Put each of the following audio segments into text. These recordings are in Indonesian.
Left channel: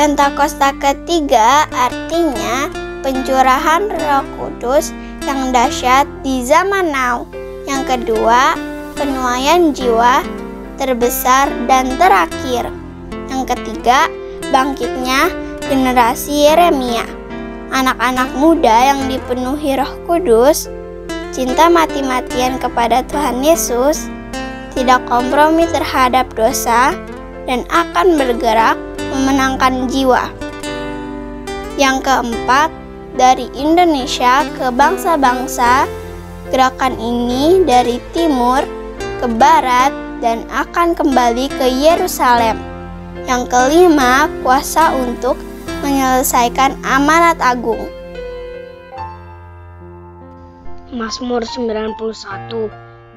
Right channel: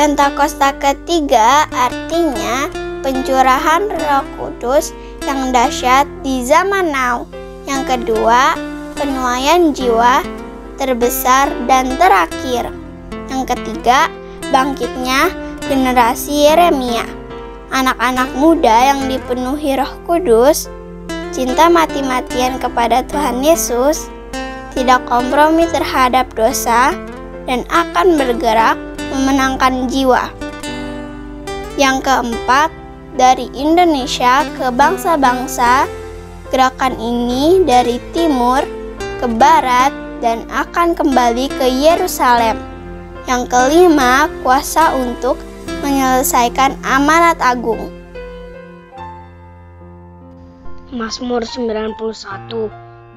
Pentakosta ketiga artinya pencurahan Roh Kudus yang dahsyat di zaman now. Yang kedua, penuaian jiwa terbesar dan terakhir. Yang ketiga, bangkitnya generasi Yeremia. Anak-anak muda yang dipenuhi Roh Kudus, cinta mati-matian kepada Tuhan Yesus, tidak kompromi terhadap dosa, dan akan bergerak memenangkan jiwa. Yang keempat, dari Indonesia ke bangsa-bangsa, gerakan ini dari timur ke barat dan akan kembali ke Yerusalem. Yang kelima, kuasa untuk menyelesaikan amanat agung. Mazmur 91.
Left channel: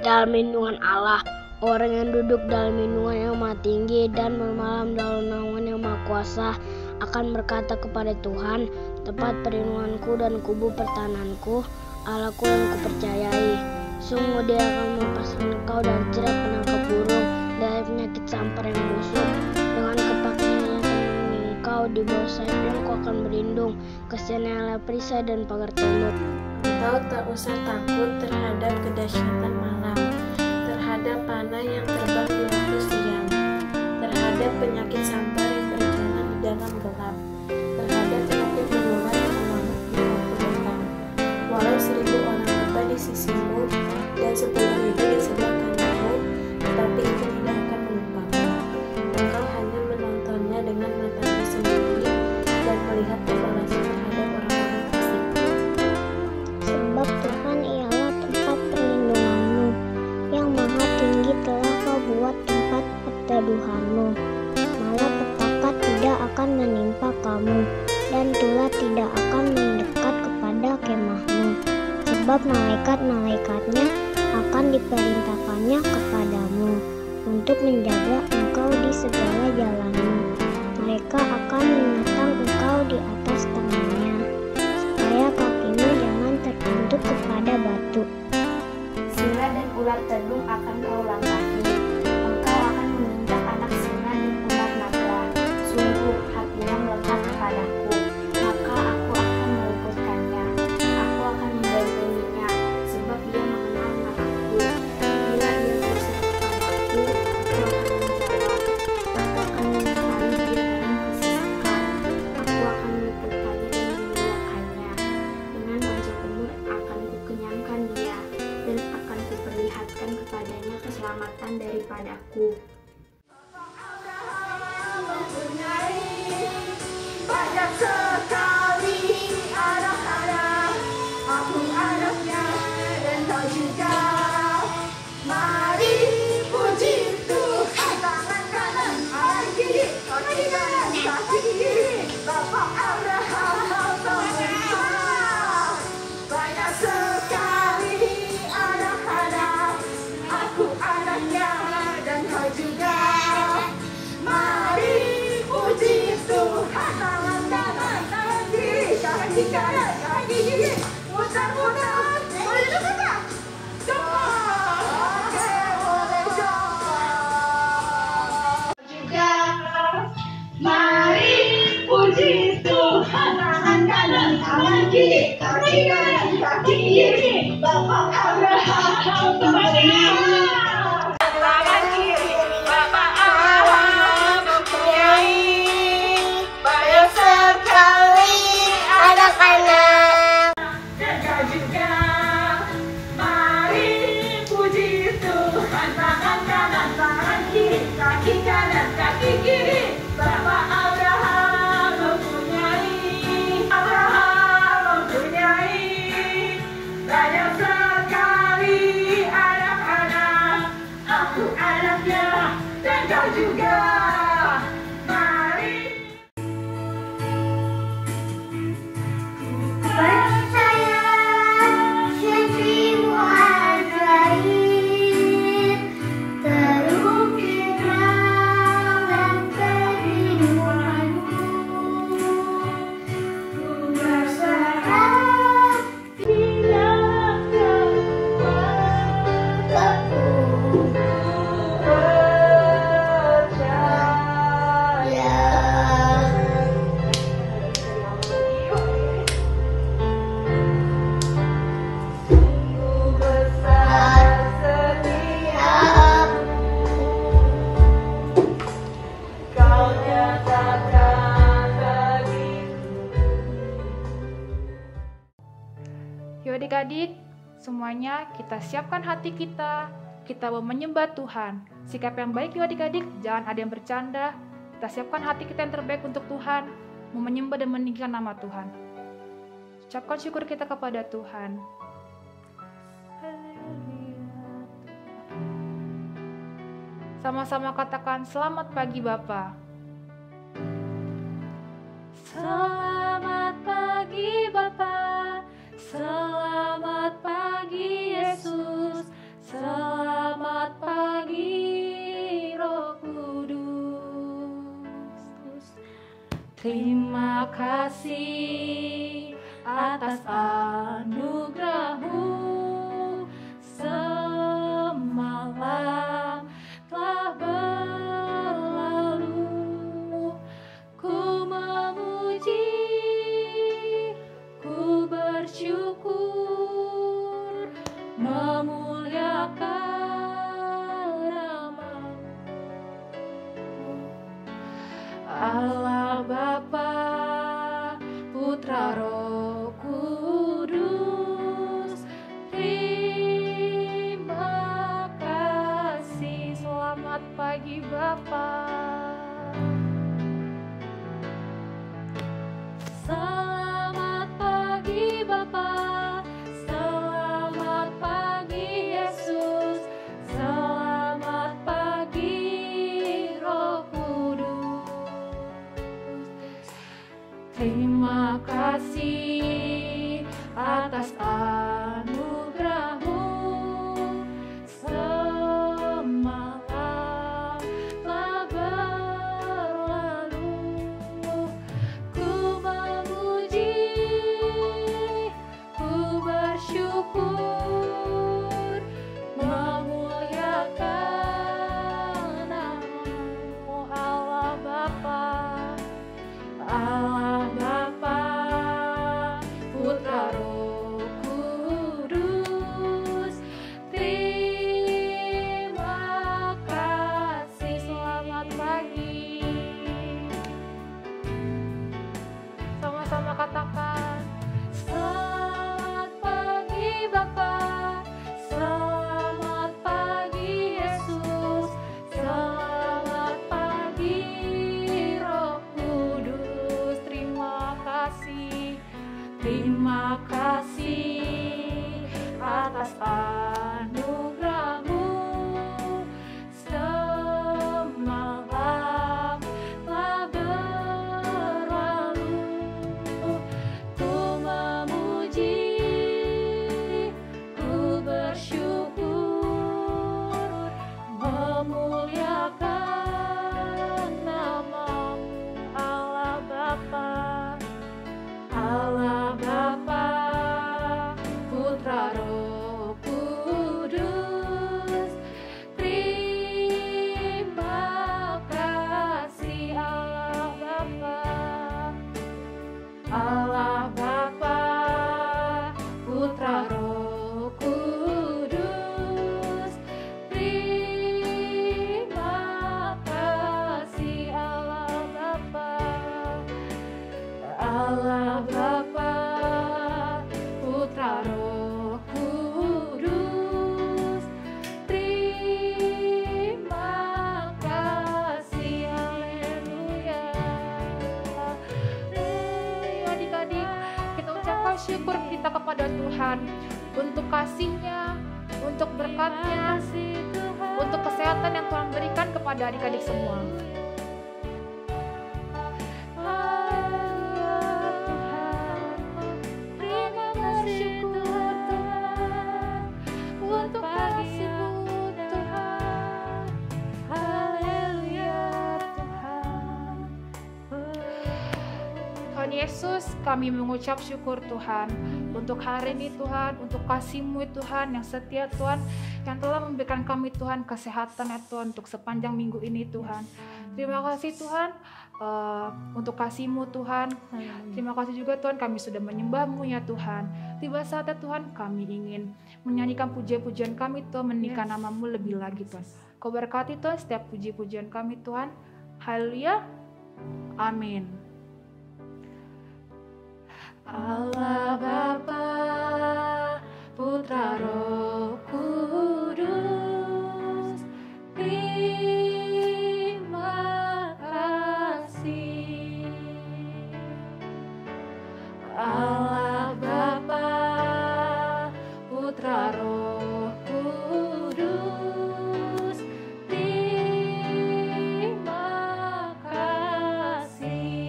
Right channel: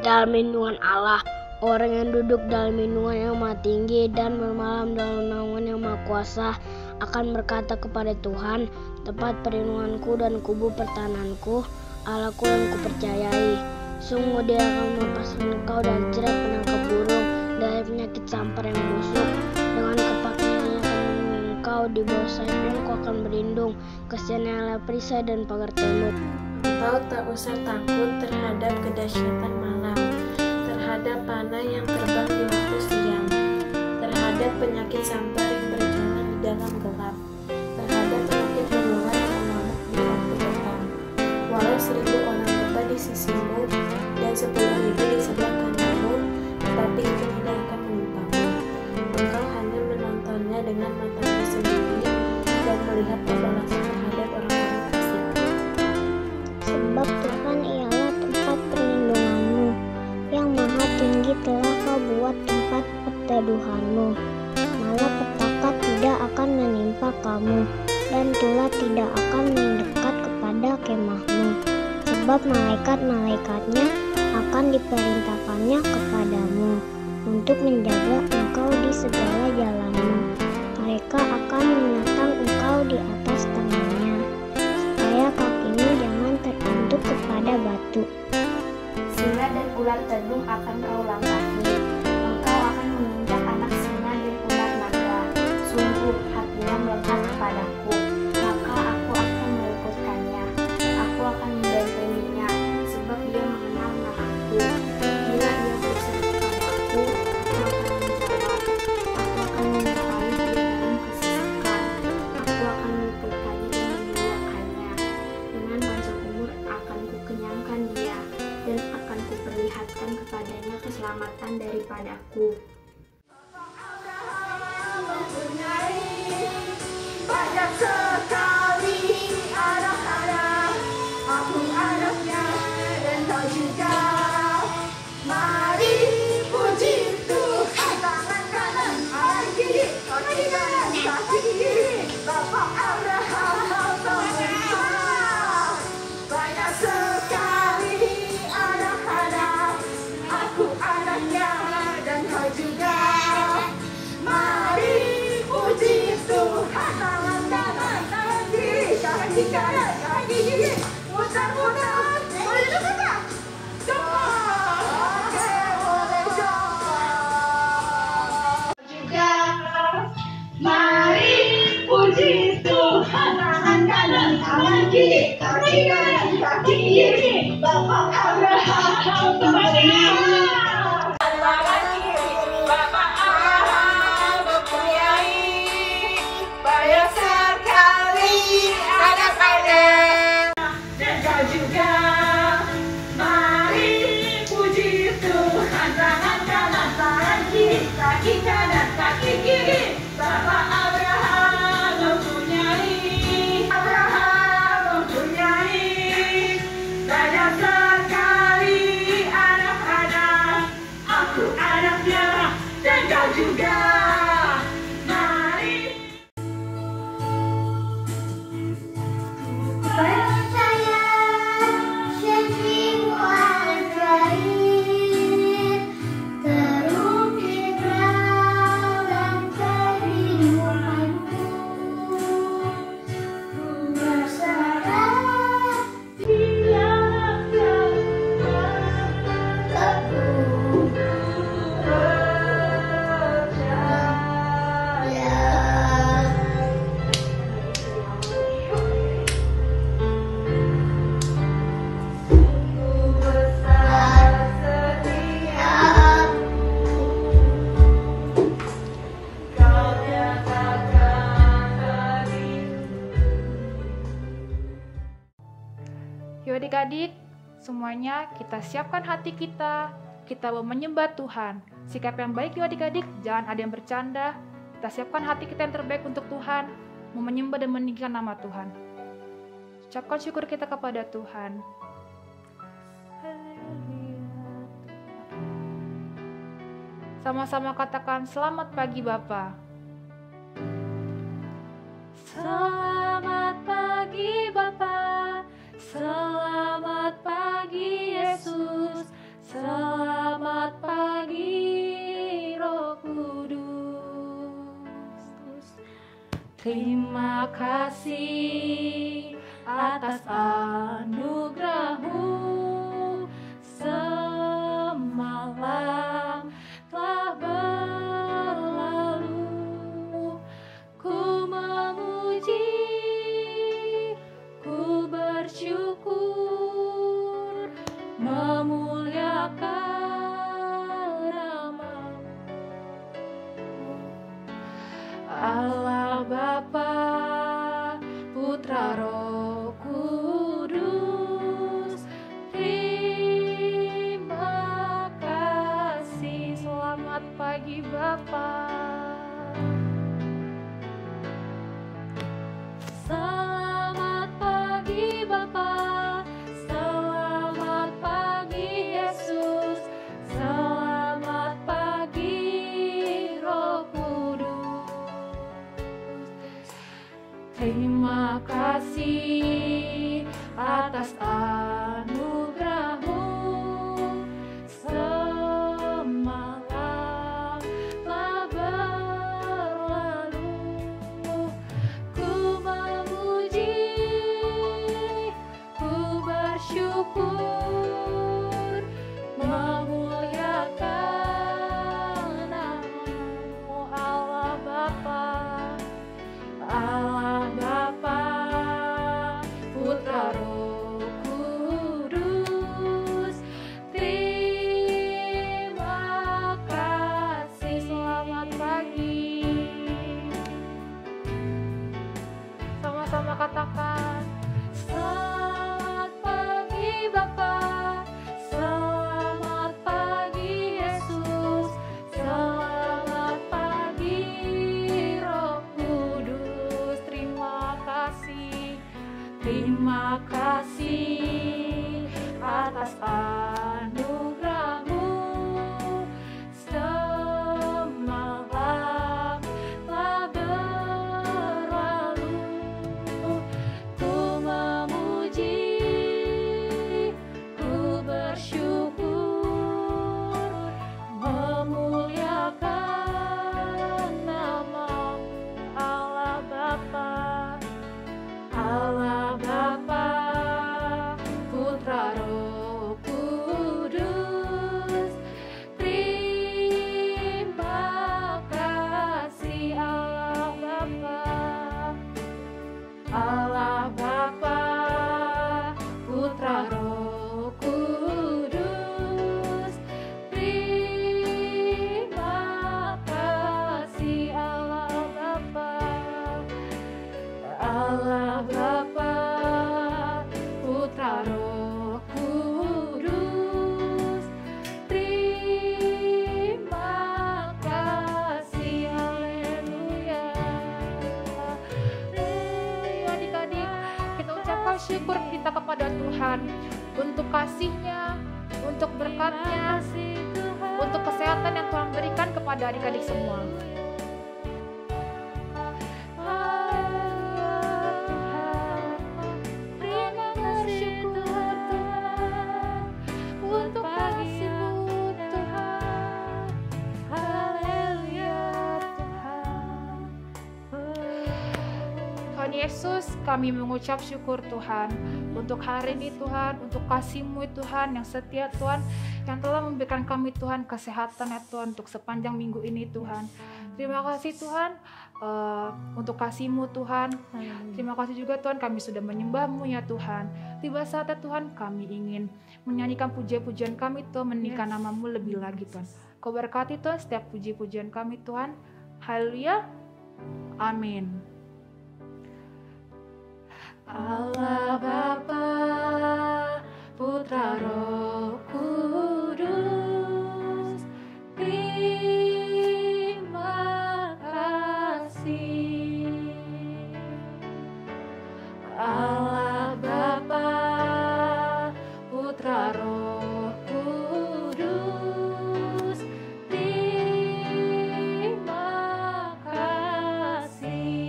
Dalam lindungan Allah, orang yang duduk dalam lindungan yang Maha Tinggi dan bermalam dalam naungan yang Maha Kuasa akan berkata kepada Tuhan, tempat perlindunganku dan kubu pertahananku, Allahku yang kupercayai. Sungguh Dia akan melepaskan engkau dari jerat penangkap burung, dari penyakit sampar yang busuk. Dengan kepaknya Ia akan melindungi engkau, di bawah sayapnya engkau akan berlindung. Kasihan adalah perisai dan pagar tembok. Engkau tak usah takut terhadap kedahsyatan malam, terhadap panah yang terbang di waktu siang, terhadap penyakit sampar yang berjalan di dalam gelap, terhadap penyakit menular yang mengamuk di waktu petang. Walau 1000 orang lebah di sisimu dan 10.000 di sebelah kananmu, tetapi itu tidak akan menimpamu. Engkau hanya menontonnya dengan matamu sendiri dan melihat pembalasan terhadap orang-orang fasik. Sebab Tuhan ialah tempat perlindunganmu, yang Maha Tinggi telah kau buat tempat perteduhanmu. Malapetaka tidak akan menimpa kamu, dan tulah tidak akan mendekat kepada kemahmu. Sebab malaikat-malaikatnya akan diperintahkannya kepadamu, untuk menjaga engkau di segala jalanmu. Mereka akan menatang engkau di atas tangannya, supaya kakimu jangan terbentuk kepada batu. Singa dan ular tedung akan kau langkahi. Engkau akan menginjak anak singa dan ular naga. Sungguh hatinya melekat kepadaku, maka aku akan meluputkannya. Aku akan membentenginya, sebab dia mengenal namaku. Bila ia berseru kepadaku, aku akan menjawab. Aku akan menyertai dia dalam kesesakan. Aku akan meluputkannya dan memuliakannya. Dengan panjang umur akan kukenyangkan dia, dan akan kuperlihatkan kepadanya keselamatan daripadaku. Banyak sekali anak-anak, aku anaknya dan kau juga. Mari puji Tuhan, tangan kanan, tangan kiri, kaki kanan, kaki kiri. Bapak Abraham sempurna. Banyak sekali anak-anak, aku anaknya dan kau juga. Mari puji Tuhan, tangan kanan, tangan kiri, kaki kanan, kaki kiri. Muter-muter, boleh juga tak? Coba. Oke, boleh coba. Juga, mari puji Tuhan, tangan kanan, tangan kiri, kaki kanan, kaki kiri. Bapak Abraham sempurna. Tangan kiri, Bapak Abraham mempunyai banyak sekali anak-anak. Dan kau juga, mari puji Tuhan, tangan kanan, tangan kiri, kaki kanan, kaki kiri. Bapak Abraham mempunyai banyak sekali anak-anak. Aku anaknya dan kau juga. Mari. Percaya sendirimu ajaib, pokoknya kita siapkan hati kita mau menyembah Tuhan. Sikap yang baik ya adik-adik, jangan ada yang bercanda. Kita siapkan hati kita yang terbaik untuk Tuhan, mau menyembah dan meninggikan nama Tuhan. Ucapkan syukur kita kepada Tuhan. Sama-sama katakan selamat pagi Bapa. Selamat pagi Bapa, selamat pagi Yesus, selamat pagi Roh Kudus. Terima kasih atas anugerah-Mu, semalam telah berlalu. Ku memuji, ku bersyukur, memuliakan nama-Mu. Allah Bapa, Putra Roh Kudus, terima kasih. Selamat pagi Bapa. Selamat pagi Bapa, selamat pagi Yesus, selamat pagi Roh Kudus. Terima kasih atas anugerah-Mu, semalam telah berlalu. Ku memuji, ku bersyukur, memuliakan nama-Mu. Allah Bapa, Allah Bapa, Putra Roh Kudus, terima kasih. Selamat pagi. Sama-sama katakan Selamat pagi Bapa, selamat pagi Yesus, selamat pagi Roh Kudus. Terima kasih atas anugerah-Mu, semalam telah berlalu. Ku memuji, ku bersyukur, memuliakan nama-Mu. Allah Bapa, Allah Bapa, Putra Roh Kudus, terima kasih. Allah Bapa, Putra Roh Kudus, terima kasih. Allah Bapa, Putra Roh Kudus, terima kasih. Haleluya. adik-adik, kita ucapkan syukur kita kepada Tuhan untuk kasih-Nya, untuk berkat-Nya, untuk kesehatan yang Tuhan berikan kepada adik-adik semua. Terima kasih Tuhan, untuk kasih-Mu Tuhan. Haleluya Tuhan Yesus, kami mengucap syukur Tuhan untuk hari ini Tuhan, untuk kasih-Mu Tuhan yang setia Tuhan, yang telah memberikan kami Tuhan kesehatan ya Tuhan untuk sepanjang minggu ini Tuhan. Terima kasih Tuhan untuk kasih-Mu Tuhan. Terima kasih juga Tuhan kami sudah menyembah-Mu ya Tuhan. Tiba saatnya Tuhan kami ingin menyanyikan pujian-pujian kami Tuhan, meninggikan nama-Mu lebih lagi Tuhan. Kau berkati Tuhan setiap puji-pujian kami Tuhan. Haleluya. Amin. Allah Bapa, Putra Roh Kudus. Terima kasih. Allah Bapa, Putra Roh Kudus. Terima kasih.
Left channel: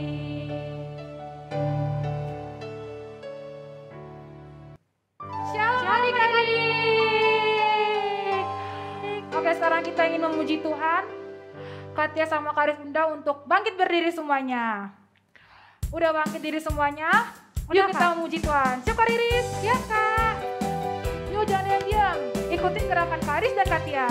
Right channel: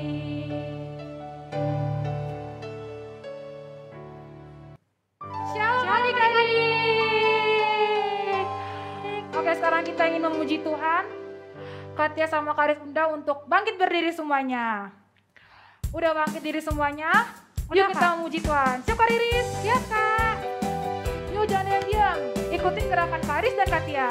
Shalom adik-adik. Oke, sekarang kita ingin memuji Tuhan. Katia sama Karis undang untuk bangkit berdiri semuanya. Udah bangkit diri semuanya? Yuk kita memuji Tuhan. Siap Kak Riris? Siap Kak. Yuk jangan yang diam. Ikutin gerakan Karis dan Katia.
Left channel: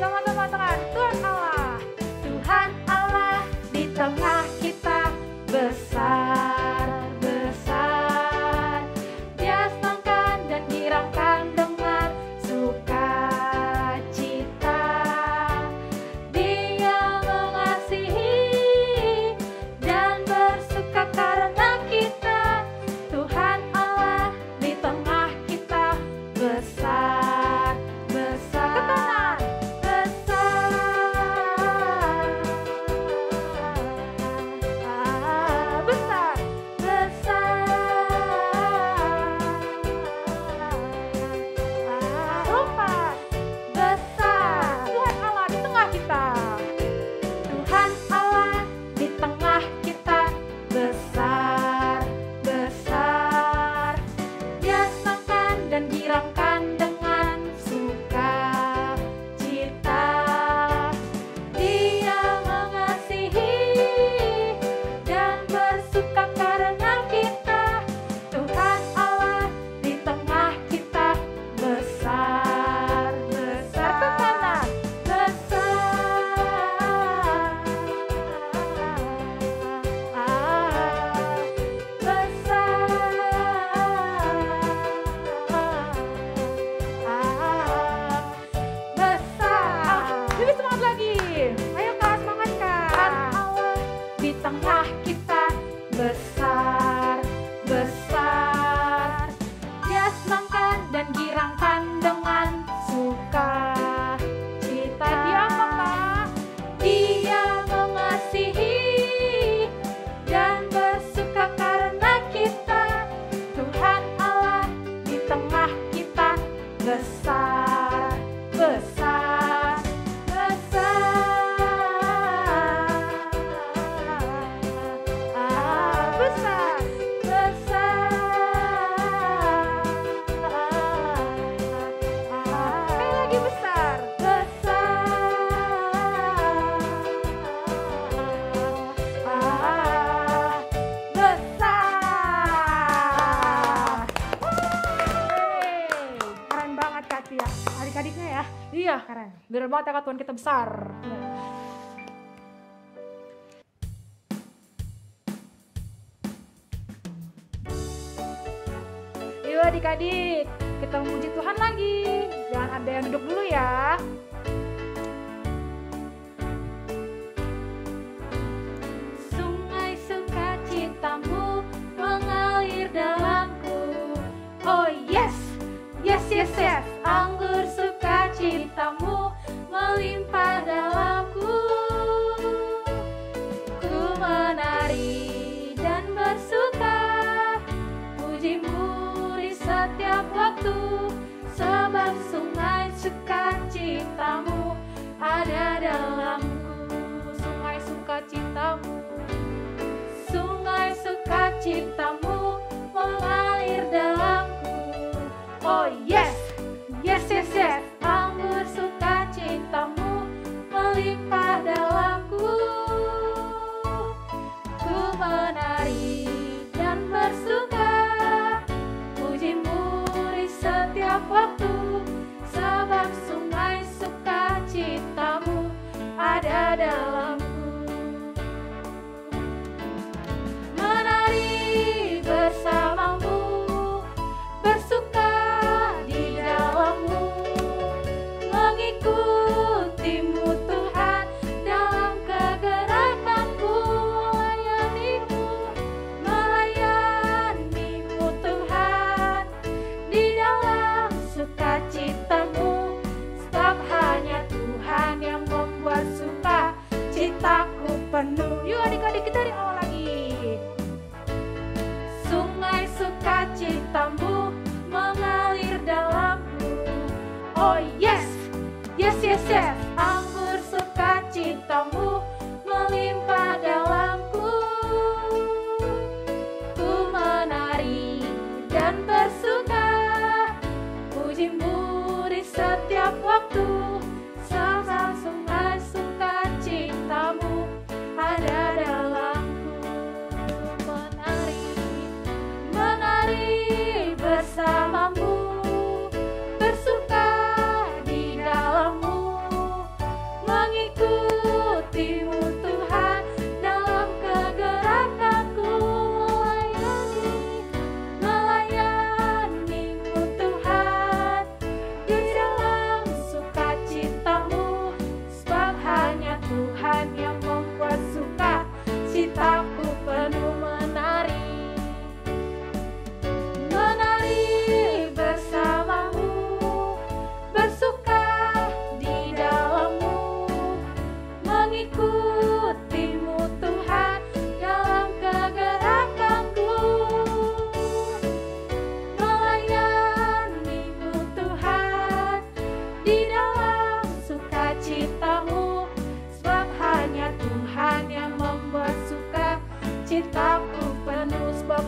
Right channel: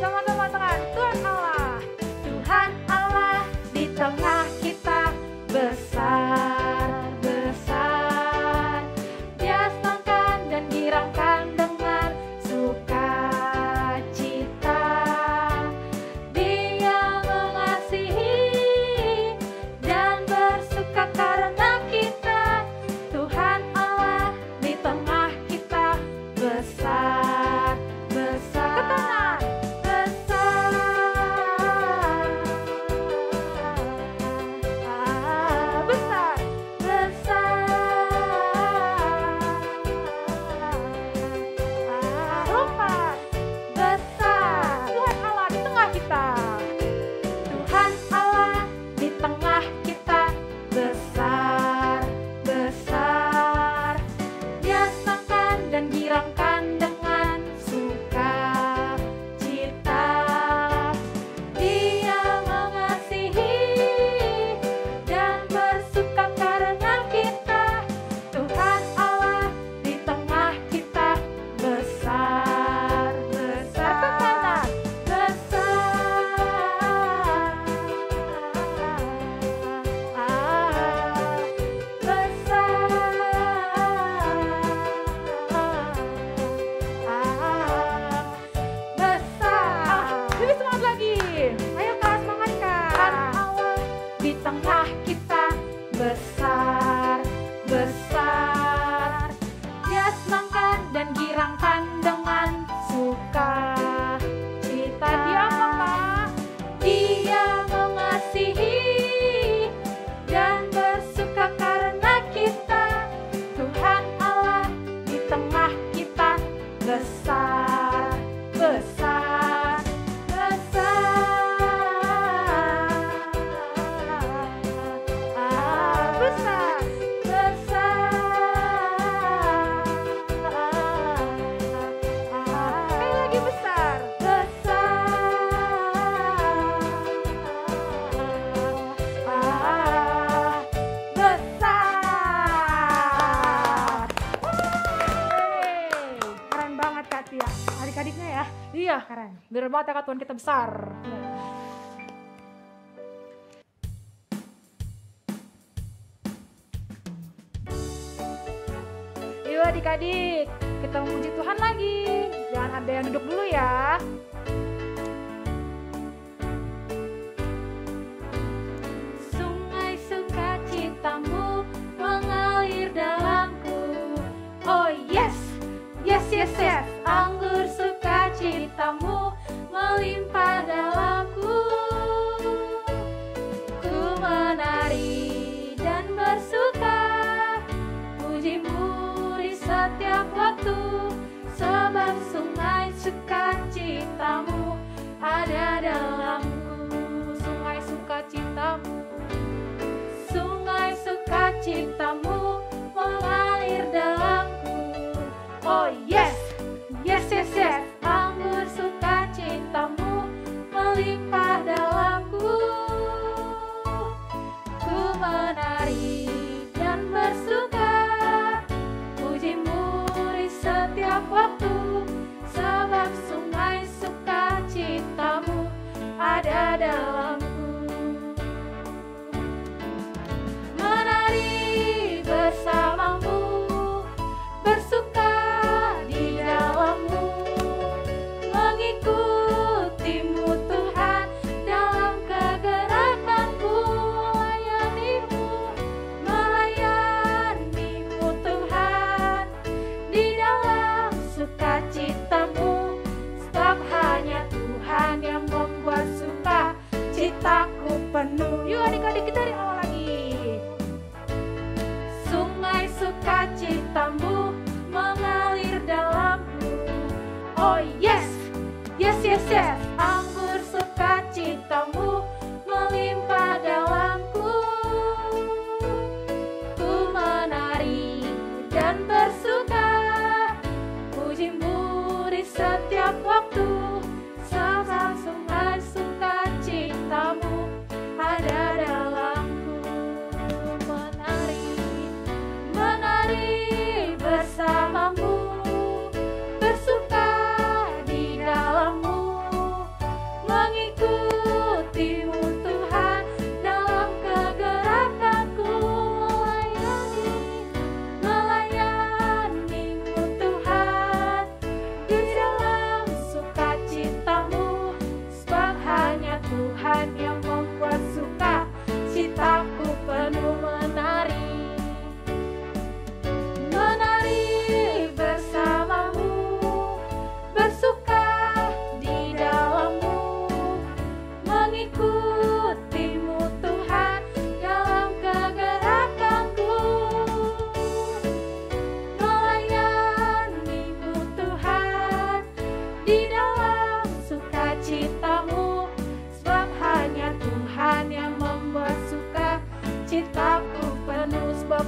Sama-sama tangan. Tuhan Allah. Tuhan Allah di tengah kita besar, besar. Dia senangkan dan girangkan dengan sukacita. Dia mengasihi dan bersuka karena kita. Tuhan Allah di tengah kita besar, besar, besar, besar, besar. Tuhan Allah di tengah kita. Tuhan Allah di tengah kita besar, besar. Dia senangkan dan girangkan dengan sukacita. Dia mengasihi dan bersuka karena kita. Tuhan Allah di tengah kita besar, besar, besar. Lebih semangat lagi. Ayo Kak, semangat Kak. Di tengah kita besar, besar. Dia senangkan dan girangkan dengan sukacita. Dia apa? Dia mengasihi dan bersuka karena kita. Tuhan Allah di tengah kita besar, besar, besar, besar, sekali lagi besar, besar. Keren banget Katia, adik-adiknya ya. Iya keren, bener banget ya Tuhan kita besar. Yuk adik-adik, kita memuji Tuhan lagi. Jangan ada yang duduk dulu ya. Sungai sukacitamu mengalir dalamku. Oh yes, yes, yes, yes. Anggur sukacitamu melimpah dalamku. Ku menari dan bersuka, pujimu di setiap waktu. Sebab sungai sukacitamu ada dalamku. Sungai sukacitamu, sungai sukacitamu mengalir dalamku. Oh yes, yes, yes, yes. Anggur sukacitamu melimpah dalamku. Ku menari dan bersuka, pujimu di setiap waktu. Sebab sungai sukacitamu ada dalamku.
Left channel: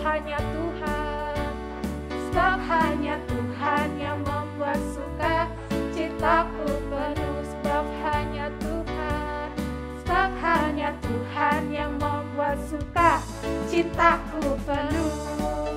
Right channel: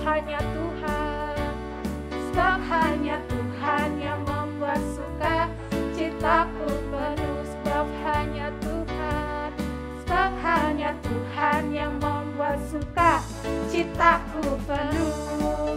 hanya Tuhan, sebab hanya Tuhan yang membuat suka citaku penuh. Sebab hanya Tuhan, sebab hanya Tuhan yang membuat suka citaku penuh.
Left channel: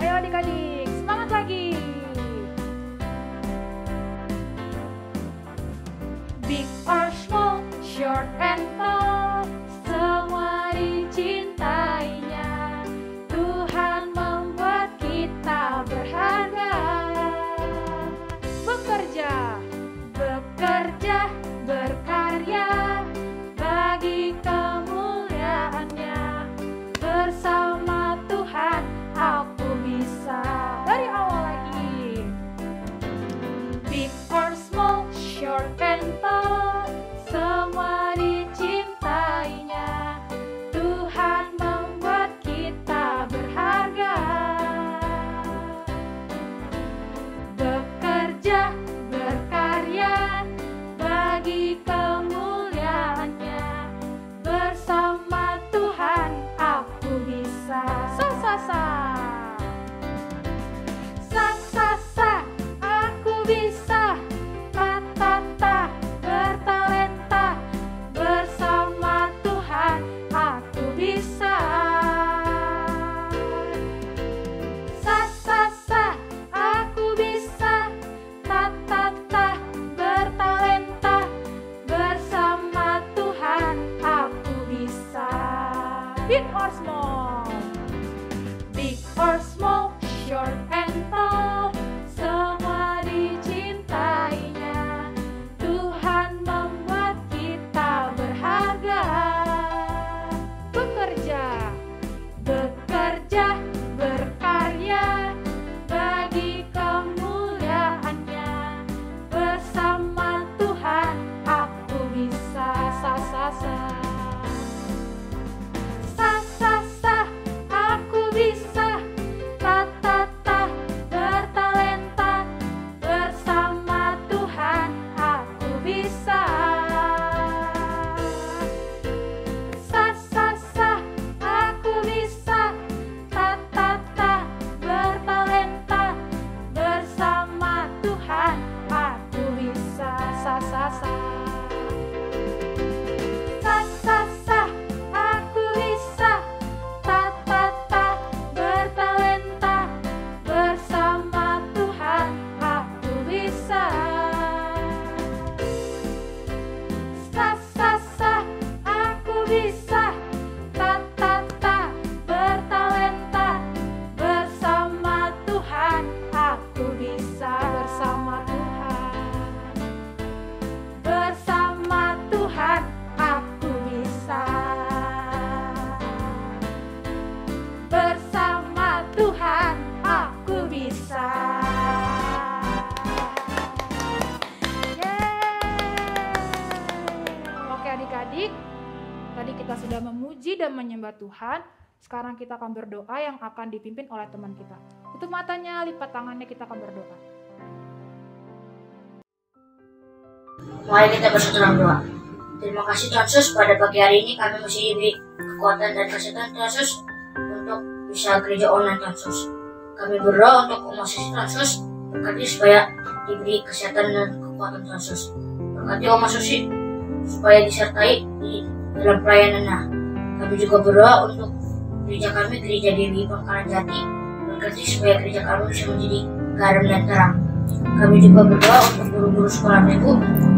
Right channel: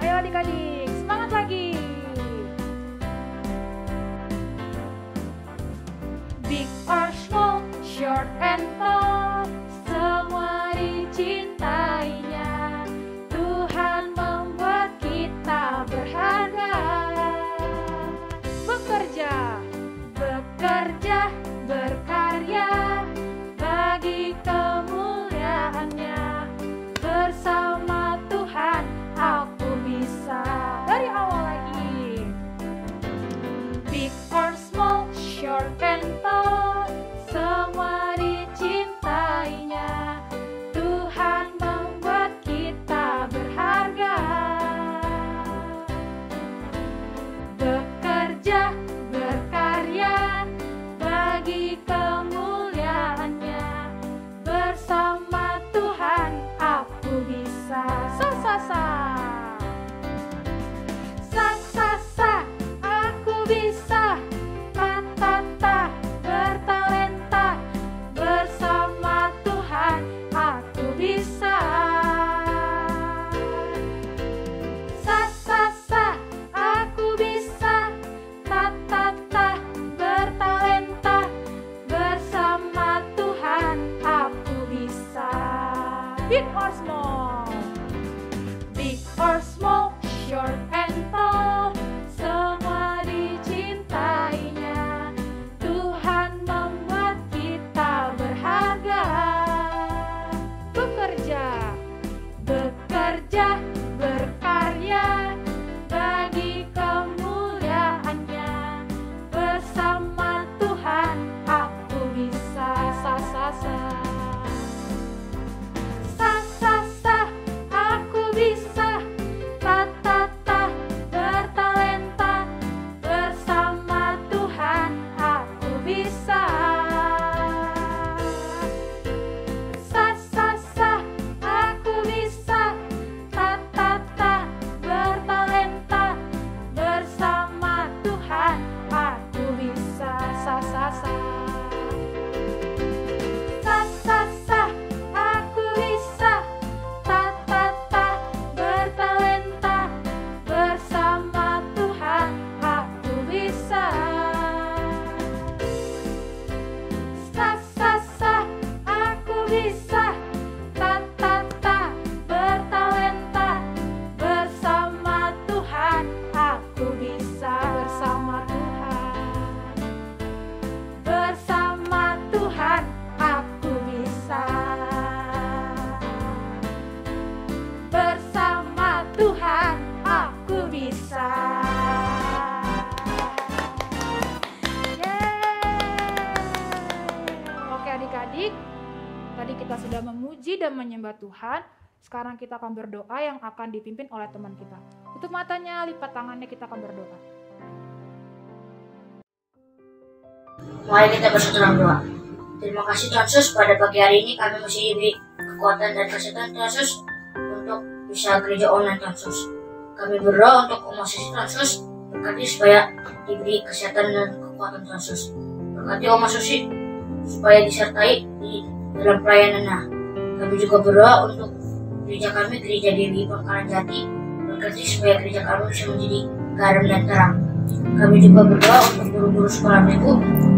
Ayo adik-adik, semangat lagi. Big or small, short and tall, semua dicintainya. Tuhan membuat kita berharga. Bekerja, bekerja, berkarya bagi kemuliaannya. Bersama Tuhan aku bisa. Dari awal lagi. Big or small, short and tall, semua dicintainya. Tuhan membuat kita berharga. Bekerja, berkarya bagi kemuliaannya. Bersama Tuhan aku bisa. Sa-sa-sa. Sa-sa-sa, aku bisa. Ta-ta-ta, bertalenta. Bersama Tuhan aku bisa. Sa-sa-sa, aku bisa. Ta-ta-ta, bertalenta. Bersama Tuhan aku bisa. Big or small, big or small, short and tall, semua dicintainya. Tuhan membuat kita berharga. Bekerja, bekerja, berkarya bagi kemuliaannya. Bersama Tuhan aku bisa. Sa-sa-sa. Sa-sa-sa, aku bisa. Ta-ta-ta, bertalenta. Bersama Tuhan aku bisa. Sa-sa-sa, aku bisa. Ta-ta-ta, bertalenta. Bersama Tuhan aku bisa. Sa-sa-sa. Sa-sa-sa, aku bisa. Ta-ta-ta, bertalenta. Bersama Tuhan aku bisa. Sa-sa-sa, aku bisa. Ta-ta-ta, bertalenta. Bersama Tuhan aku bisa. Bersama Tuhan, bersama Tuhan aku bisa. Bersama Tuhan aku bisa. Oke adik-adik, tadi kita sudah memuji dan menyembah Tuhan. Sekarang kita akan berdoa yang akan dipimpin oleh teman kita. Tutup matanya, lipat tangannya, kita akan berdoa. Mari kita bersatu dalam doa. Terima kasih Tuhan Yesus, pada pagi hari ini kami masih diberi kekuatan dan kesehatan Tuhan Yesus untuk bisa gereja online Tuhan Yesus. Kami berdoa untuk umat Tuhan Yesus, berkati supaya diberi kesehatan dan kekuatan Tuhan Yesus. Berkati umat Susi supaya disertai di dalam pelayanannya. Kami juga berdoa untuk gereja kami, gereja Dewi Pangkalan Jati, berkati supaya gereja kami bisa menjadi garam dan terang. Kami juga berdoa untuk guru-guru sekolah minggu,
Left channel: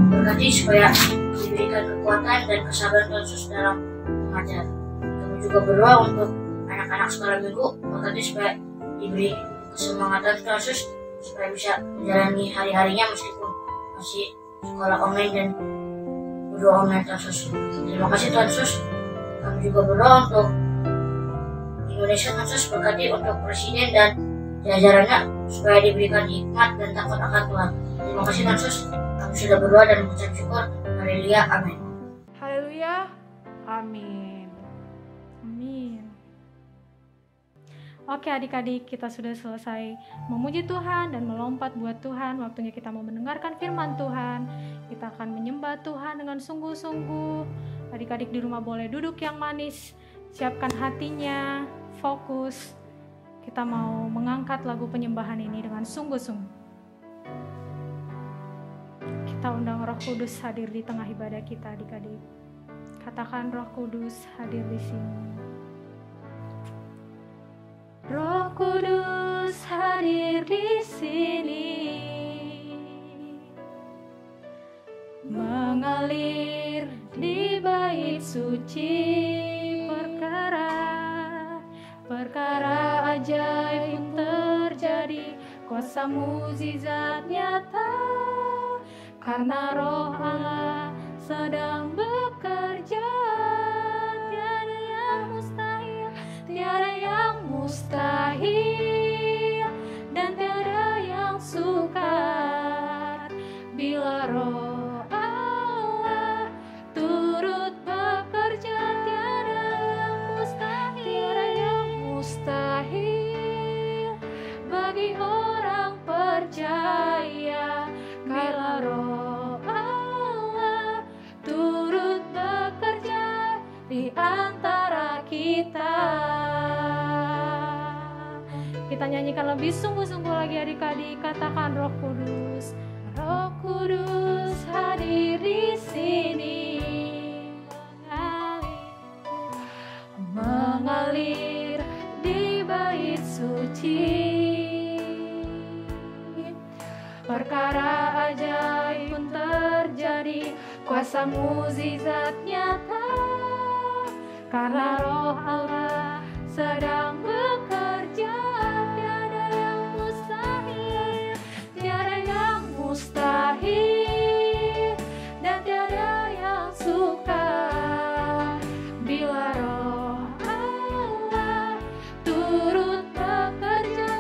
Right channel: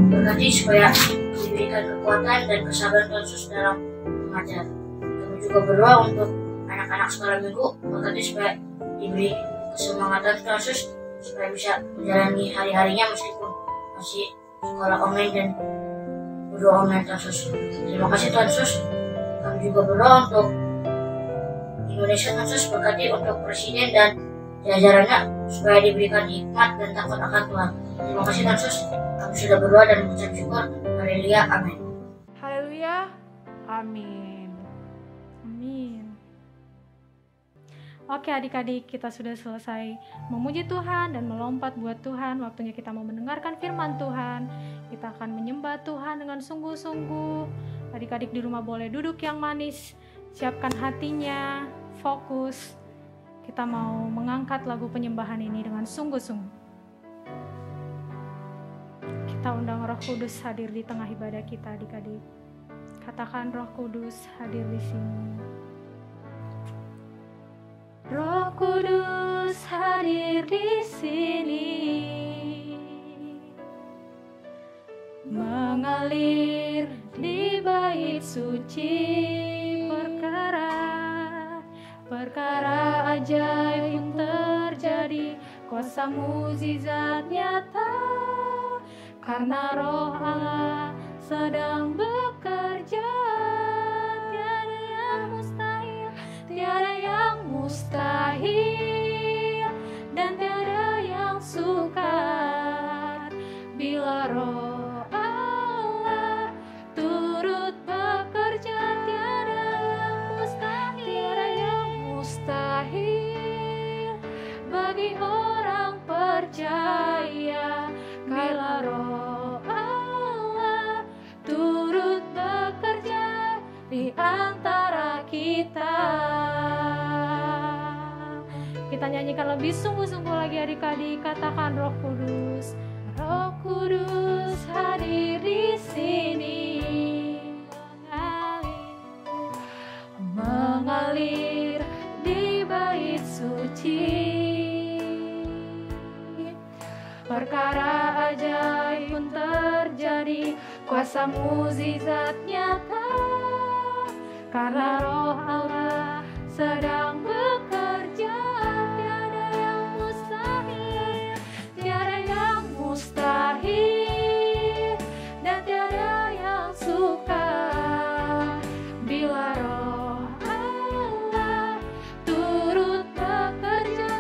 berkati supaya diberikan kekuatan dan kesabaran Tuhan Yesus dalam mengajar. Kami juga berdoa untuk anak-anak sekolah minggu, berkati supaya diberi kesemangatan Tuhan Yesus supaya bisa menjalani hari-harinya meskipun masih sekolah online dan berdoa online Tuhan Yesus. Terima kasih Tuhan Yesus. Kami juga berdoa untuk Indonesia Tuhan Yesus, berkati untuk presiden dan jajarannya supaya diberikan hikmat dan takut akan Tuhan. Terima kasih Tuhan Yesus. Kami sudah berdoa dan mengucap syukur. Haleluya, amin. Haleluya, amin. Amin. Oke adik-adik, kita sudah selesai memuji Tuhan dan melompat buat Tuhan. Waktunya kita mau mendengarkan firman Tuhan. Kita akan menyembah Tuhan dengan sungguh-sungguh. Adik-adik di rumah boleh duduk yang manis, siapkan hatinya, fokus. Kita mau mengangkat lagu penyembahan ini dengan sungguh-sungguh. Kita undang Roh Kudus hadir di tengah ibadah kita adik-adik. Katakan Roh Kudus hadir di sini. Roh Kudus hadir di sini, mengalir di bait suci, perkara ajaib yang terjadi, kuasa mukjizat nyata, karena Roh Allah sedang bekerja. Tiada yang mustahil, tiada yang mustahil, dan tiada yang sukar bila Roh Allah turut bekerja. Tiada yang mustahil bagi orang percaya bila Roh Allah turut bekerja di antara kita. Kita nyanyikan lebih sungguh-sungguh lagi adik-adik. Katakan Roh Kudus, Roh Kudus hadir di sini, mengalir di bait suci, perkara ajaib pun terjadi, kuasa mukjizat nyata, karena Roh Allah sedang bekerja. Tiada yang mustahil, dan tiada yang sukar bila Roh Allah turut bekerja.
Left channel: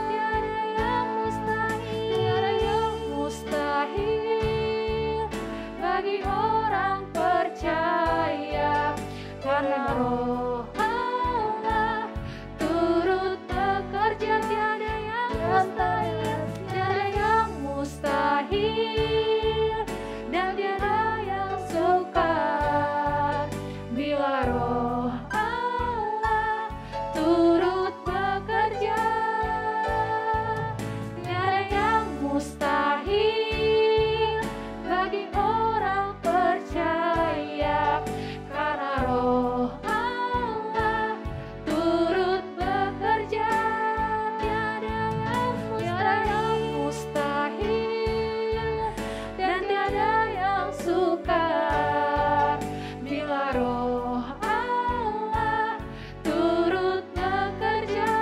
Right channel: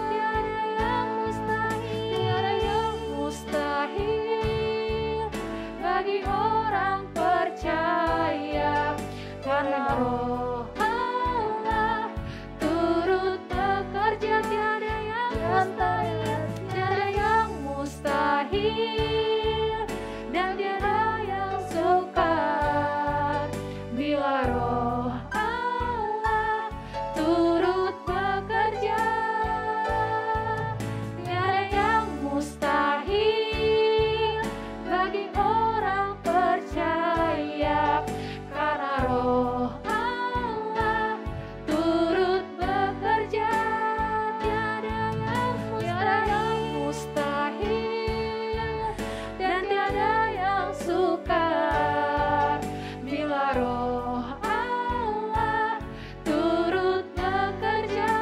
Tiada yang mustahil bagi orang percaya, karena Roh Allah turut bekerja. Tiada yang mustahil, tiada yang mustahil, dan tiada yang sukar bila Roh Allah turut bekerja. Tiada yang mustahil bagi orang percaya, karena Roh Allah turut bekerja. Tiada yang mustahil, dan tiada yang sukar bila Roh Allah turut bekerja.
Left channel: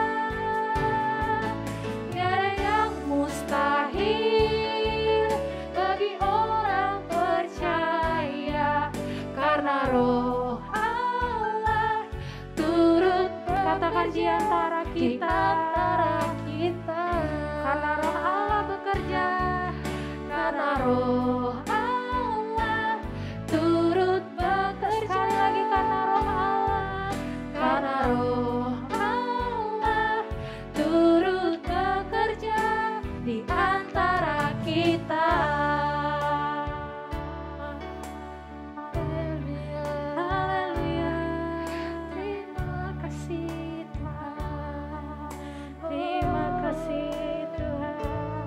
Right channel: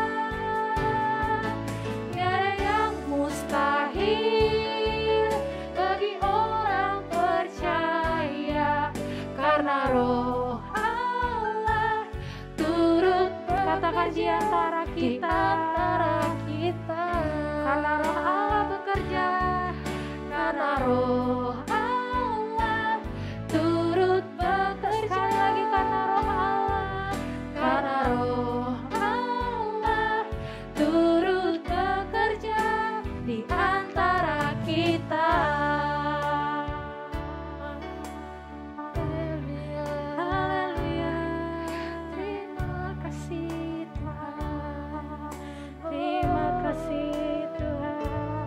Tiada yang mustahil bagi orang percaya, karena Roh Allah turut bekerja di antara kita, karena Roh Allah bekerja, karena Roh Allah turut bekerja. Lagi karena Roh Allah turut bekerja di antara kita. Haleluya, haleluya. Terima kasih Tuhan, terima kasih Tuhan.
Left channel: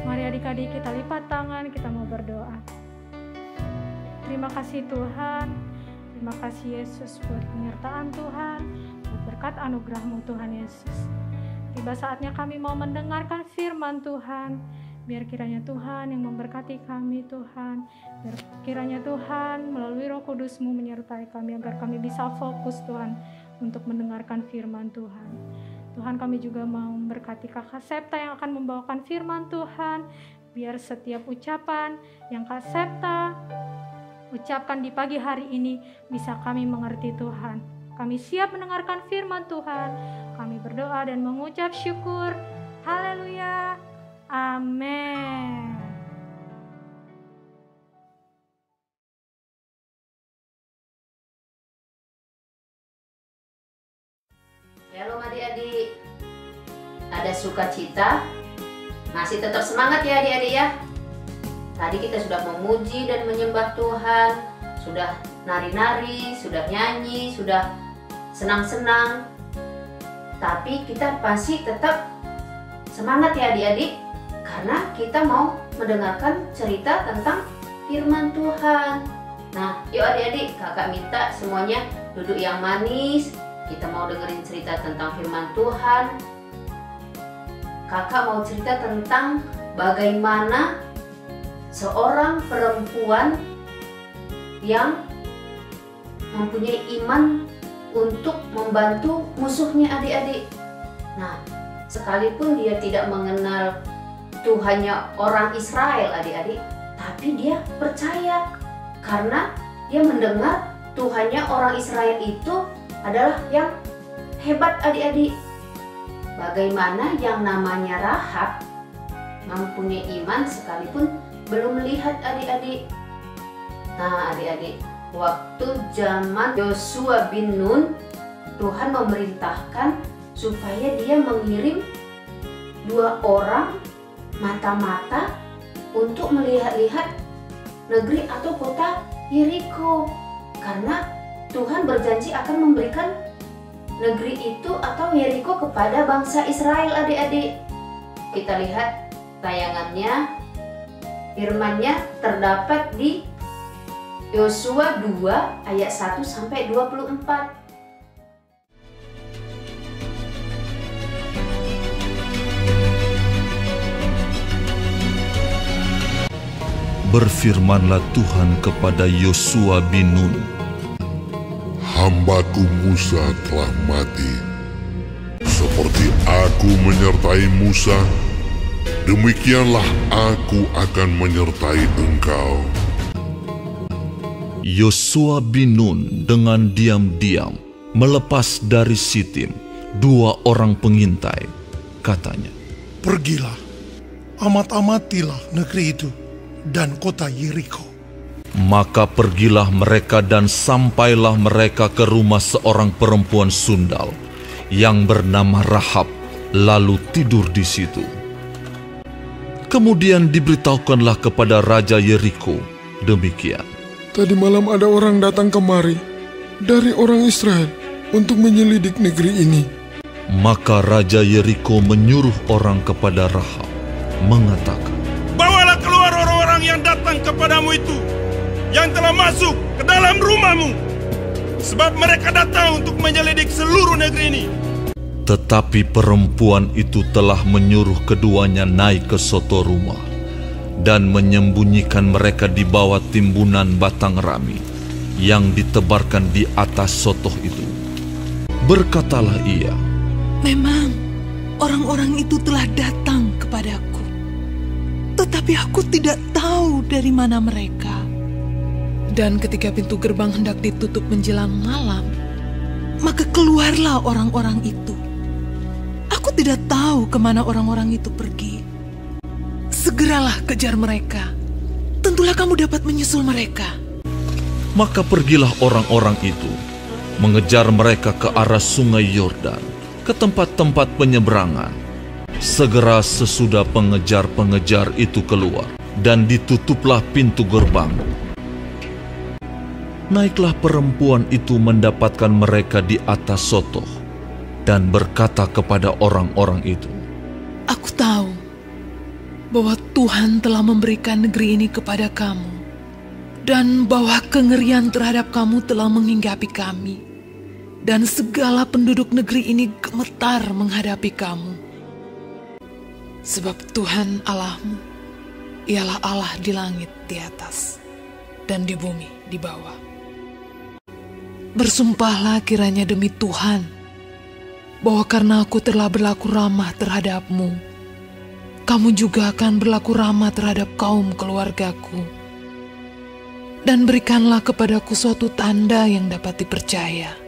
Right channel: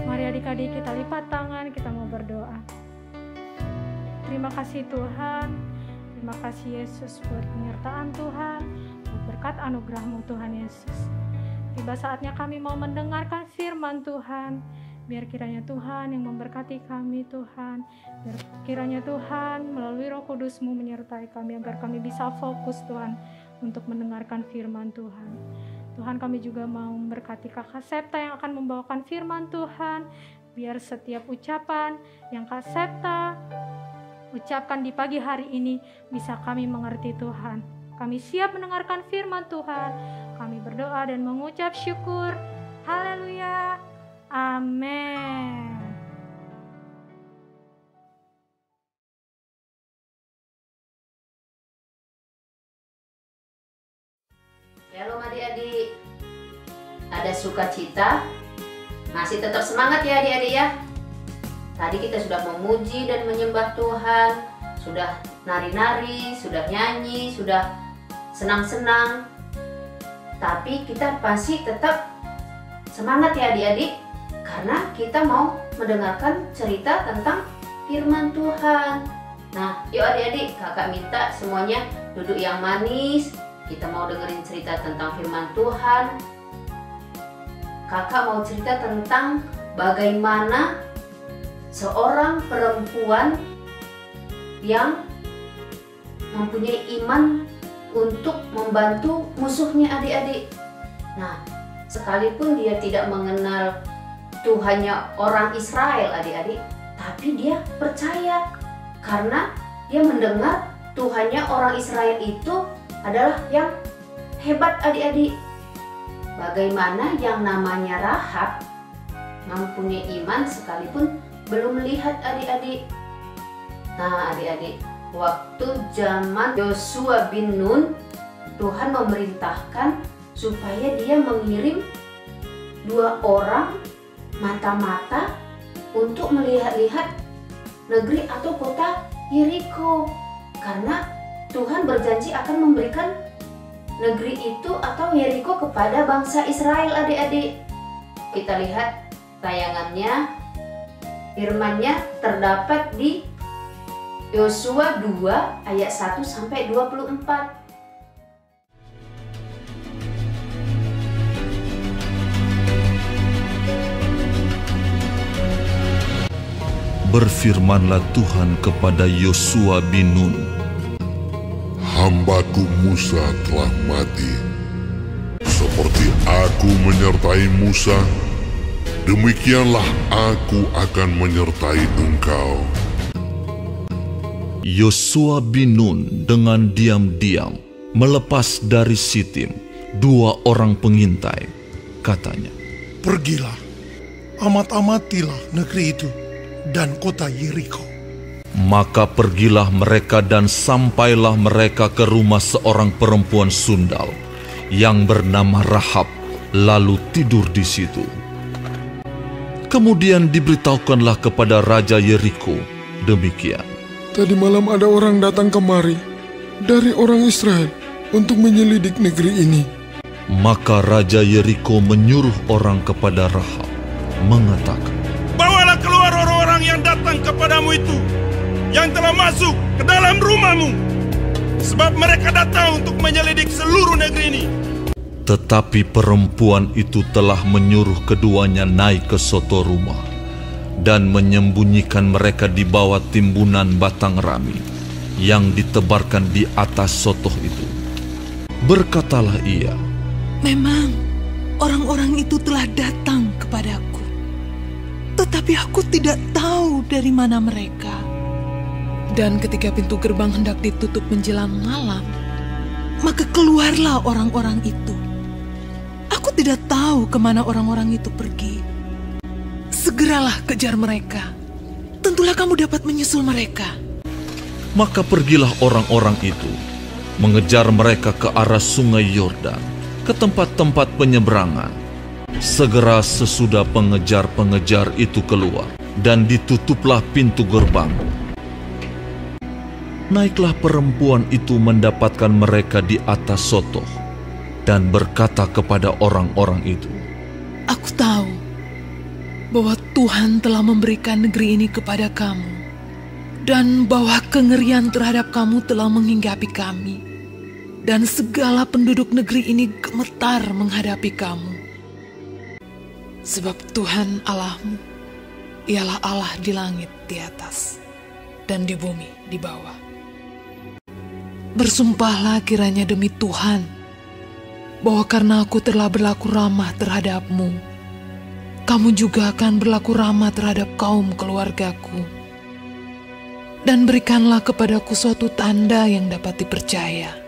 Mari adik-adik kita lipat tangan, kita mau berdoa. Terima kasih Tuhan, terima kasih Yesus buat penyertaan Tuhan, buat berkat anugerah-Mu Tuhan Yesus. Tiba saatnya kami mau mendengarkan firman Tuhan. Biar kiranya Tuhan yang memberkati kami Tuhan. Biar kiranya Tuhan melalui Roh Kudus-Mu menyertai kami agar kami bisa fokus Tuhan untuk mendengarkan firman Tuhan. Tuhan, kami juga mau memberkati Kakak Septa yang akan membawakan firman Tuhan. Biar setiap ucapan yang Kak Septa ucapkan di pagi hari ini bisa kami mengerti Tuhan. Kami siap mendengarkan firman Tuhan. Kami berdoa dan mengucap syukur. Haleluya. Amin. Shalom adik-adik. adik-adik? Ada sukacita? Masih tetap semangat ya adik-adik ya? Tadi kita sudah memuji dan menyembah Tuhan, sudah nari-nari, sudah nyanyi, sudah senang-senang. Tapi kita pasti tetap semangat ya adik-adik, karena kita mau mendengarkan cerita tentang firman Tuhan. Nah, yuk adik-adik, kakak minta semuanya duduk yang manis. Kita mau dengerin cerita tentang firman Tuhan. Kakak mau cerita tentang bagaimana seorang perempuan yang mempunyai iman untuk membantu musuhnya adik-adik. Nah, sekalipun dia tidak mengenal Tuhannya orang Israel adik-adik, tapi dia percaya karena dia mendengar Tuhannya orang Israel itu adalah yang hebat adik-adik. Bagaimana yang namanya Rahab mempunyai iman sekalipun belum melihat adik-adik. Nah adik-adik, waktu zaman Yosua bin Nun, Tuhan memerintahkan supaya dia mengirim 2 orang mata-mata untuk melihat-lihat negeri atau kota Yeriko, karena Tuhan berjanji akan memberikan negeri itu atau Yeriko kepada bangsa Israel adik-adik. Kita lihat tayangannya, firman-Nya terdapat di Yosua 2 ayat 1 sampai 24. Berfirmanlah Tuhan kepada Yosua bin Nun, "Hambaku Musa telah mati. Seperti aku menyertai Musa, demikianlah aku akan menyertai engkau." Yosua bin Nun dengan diam-diam melepas dari Sitim 2 orang pengintai. Katanya, "Pergilah, amat-amatilah negeri itu dan kota Yeriko." Maka pergilah mereka dan sampailah mereka ke rumah seorang perempuan sundal yang bernama Rahab, lalu tidur di situ. Kemudian diberitahukanlah kepada Raja Yeriko demikian, "Tadi malam ada orang datang kemari dari orang Israel untuk menyelidik negeri ini." Maka Raja Yeriko menyuruh orang kepada Rahab, mengatakan, "Bawalah keluar orang-orang yang datang kepadamu itu, yang telah masuk ke dalam rumahmu, sebab mereka datang untuk menyelidik seluruh negeri ini." Tetapi perempuan itu telah menyuruh keduanya naik ke soto rumah dan menyembunyikan mereka di bawah timbunan batang rami yang ditebarkan di atas sotoh itu. Berkatalah ia, "Memang orang-orang itu telah datang kepadaku, tetapi aku tidak tahu dari mana mereka. Dan ketika pintu gerbang hendak ditutup menjelang malam, maka keluarlah orang-orang itu. Aku tidak tahu kemana orang-orang itu pergi. Segeralah kejar mereka. Tentulah kamu dapat menyusul mereka." Maka pergilah orang-orang itu, mengejar mereka ke arah sungai Yordan, ke tempat-tempat penyeberangan. Segera sesudah pengejar-pengejar itu keluar, dan ditutuplah pintu gerbang. Naiklah perempuan itu mendapatkan mereka di atas sotoh, dan berkata kepada orang-orang itu, "Aku tahu bahwa Tuhan telah memberikan negeri ini kepada kamu, dan bahwa kengerian terhadap kamu telah menghinggapi kami, dan segala penduduk negeri ini gemetar menghadapi kamu. Sebab Tuhan Allahmu, ialah Allah di langit di atas, dan di bumi di bawah. Bersumpahlah kiranya demi Tuhan, bahwa karena aku telah berlaku ramah terhadapmu, kamu juga akan berlaku ramah terhadap kaum keluargaku. Dan berikanlah kepadaku suatu tanda yang dapat dipercaya,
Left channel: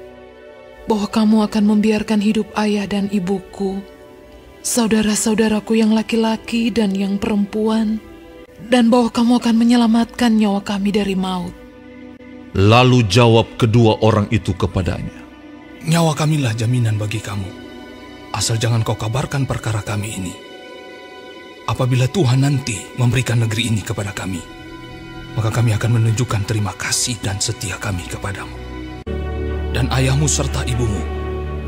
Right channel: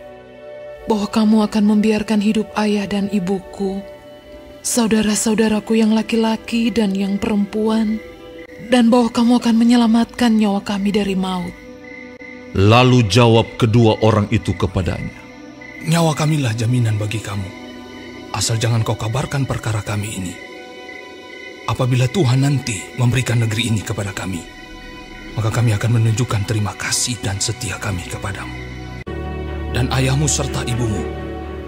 bahwa kamu akan membiarkan hidup ayah dan ibuku, saudara-saudaraku yang laki-laki dan yang perempuan, dan bahwa kamu akan menyelamatkan nyawa kami dari maut." Lalu jawab kedua orang itu kepadanya, "Nyawa kamilah jaminan bagi kamu. asal jangan kau kabarkan perkara kami ini. Apabila Tuhan nanti memberikan negeri ini kepada kami, maka kami akan menunjukkan terima kasih dan setia kami kepadamu. Dan ayahmu serta ibumu,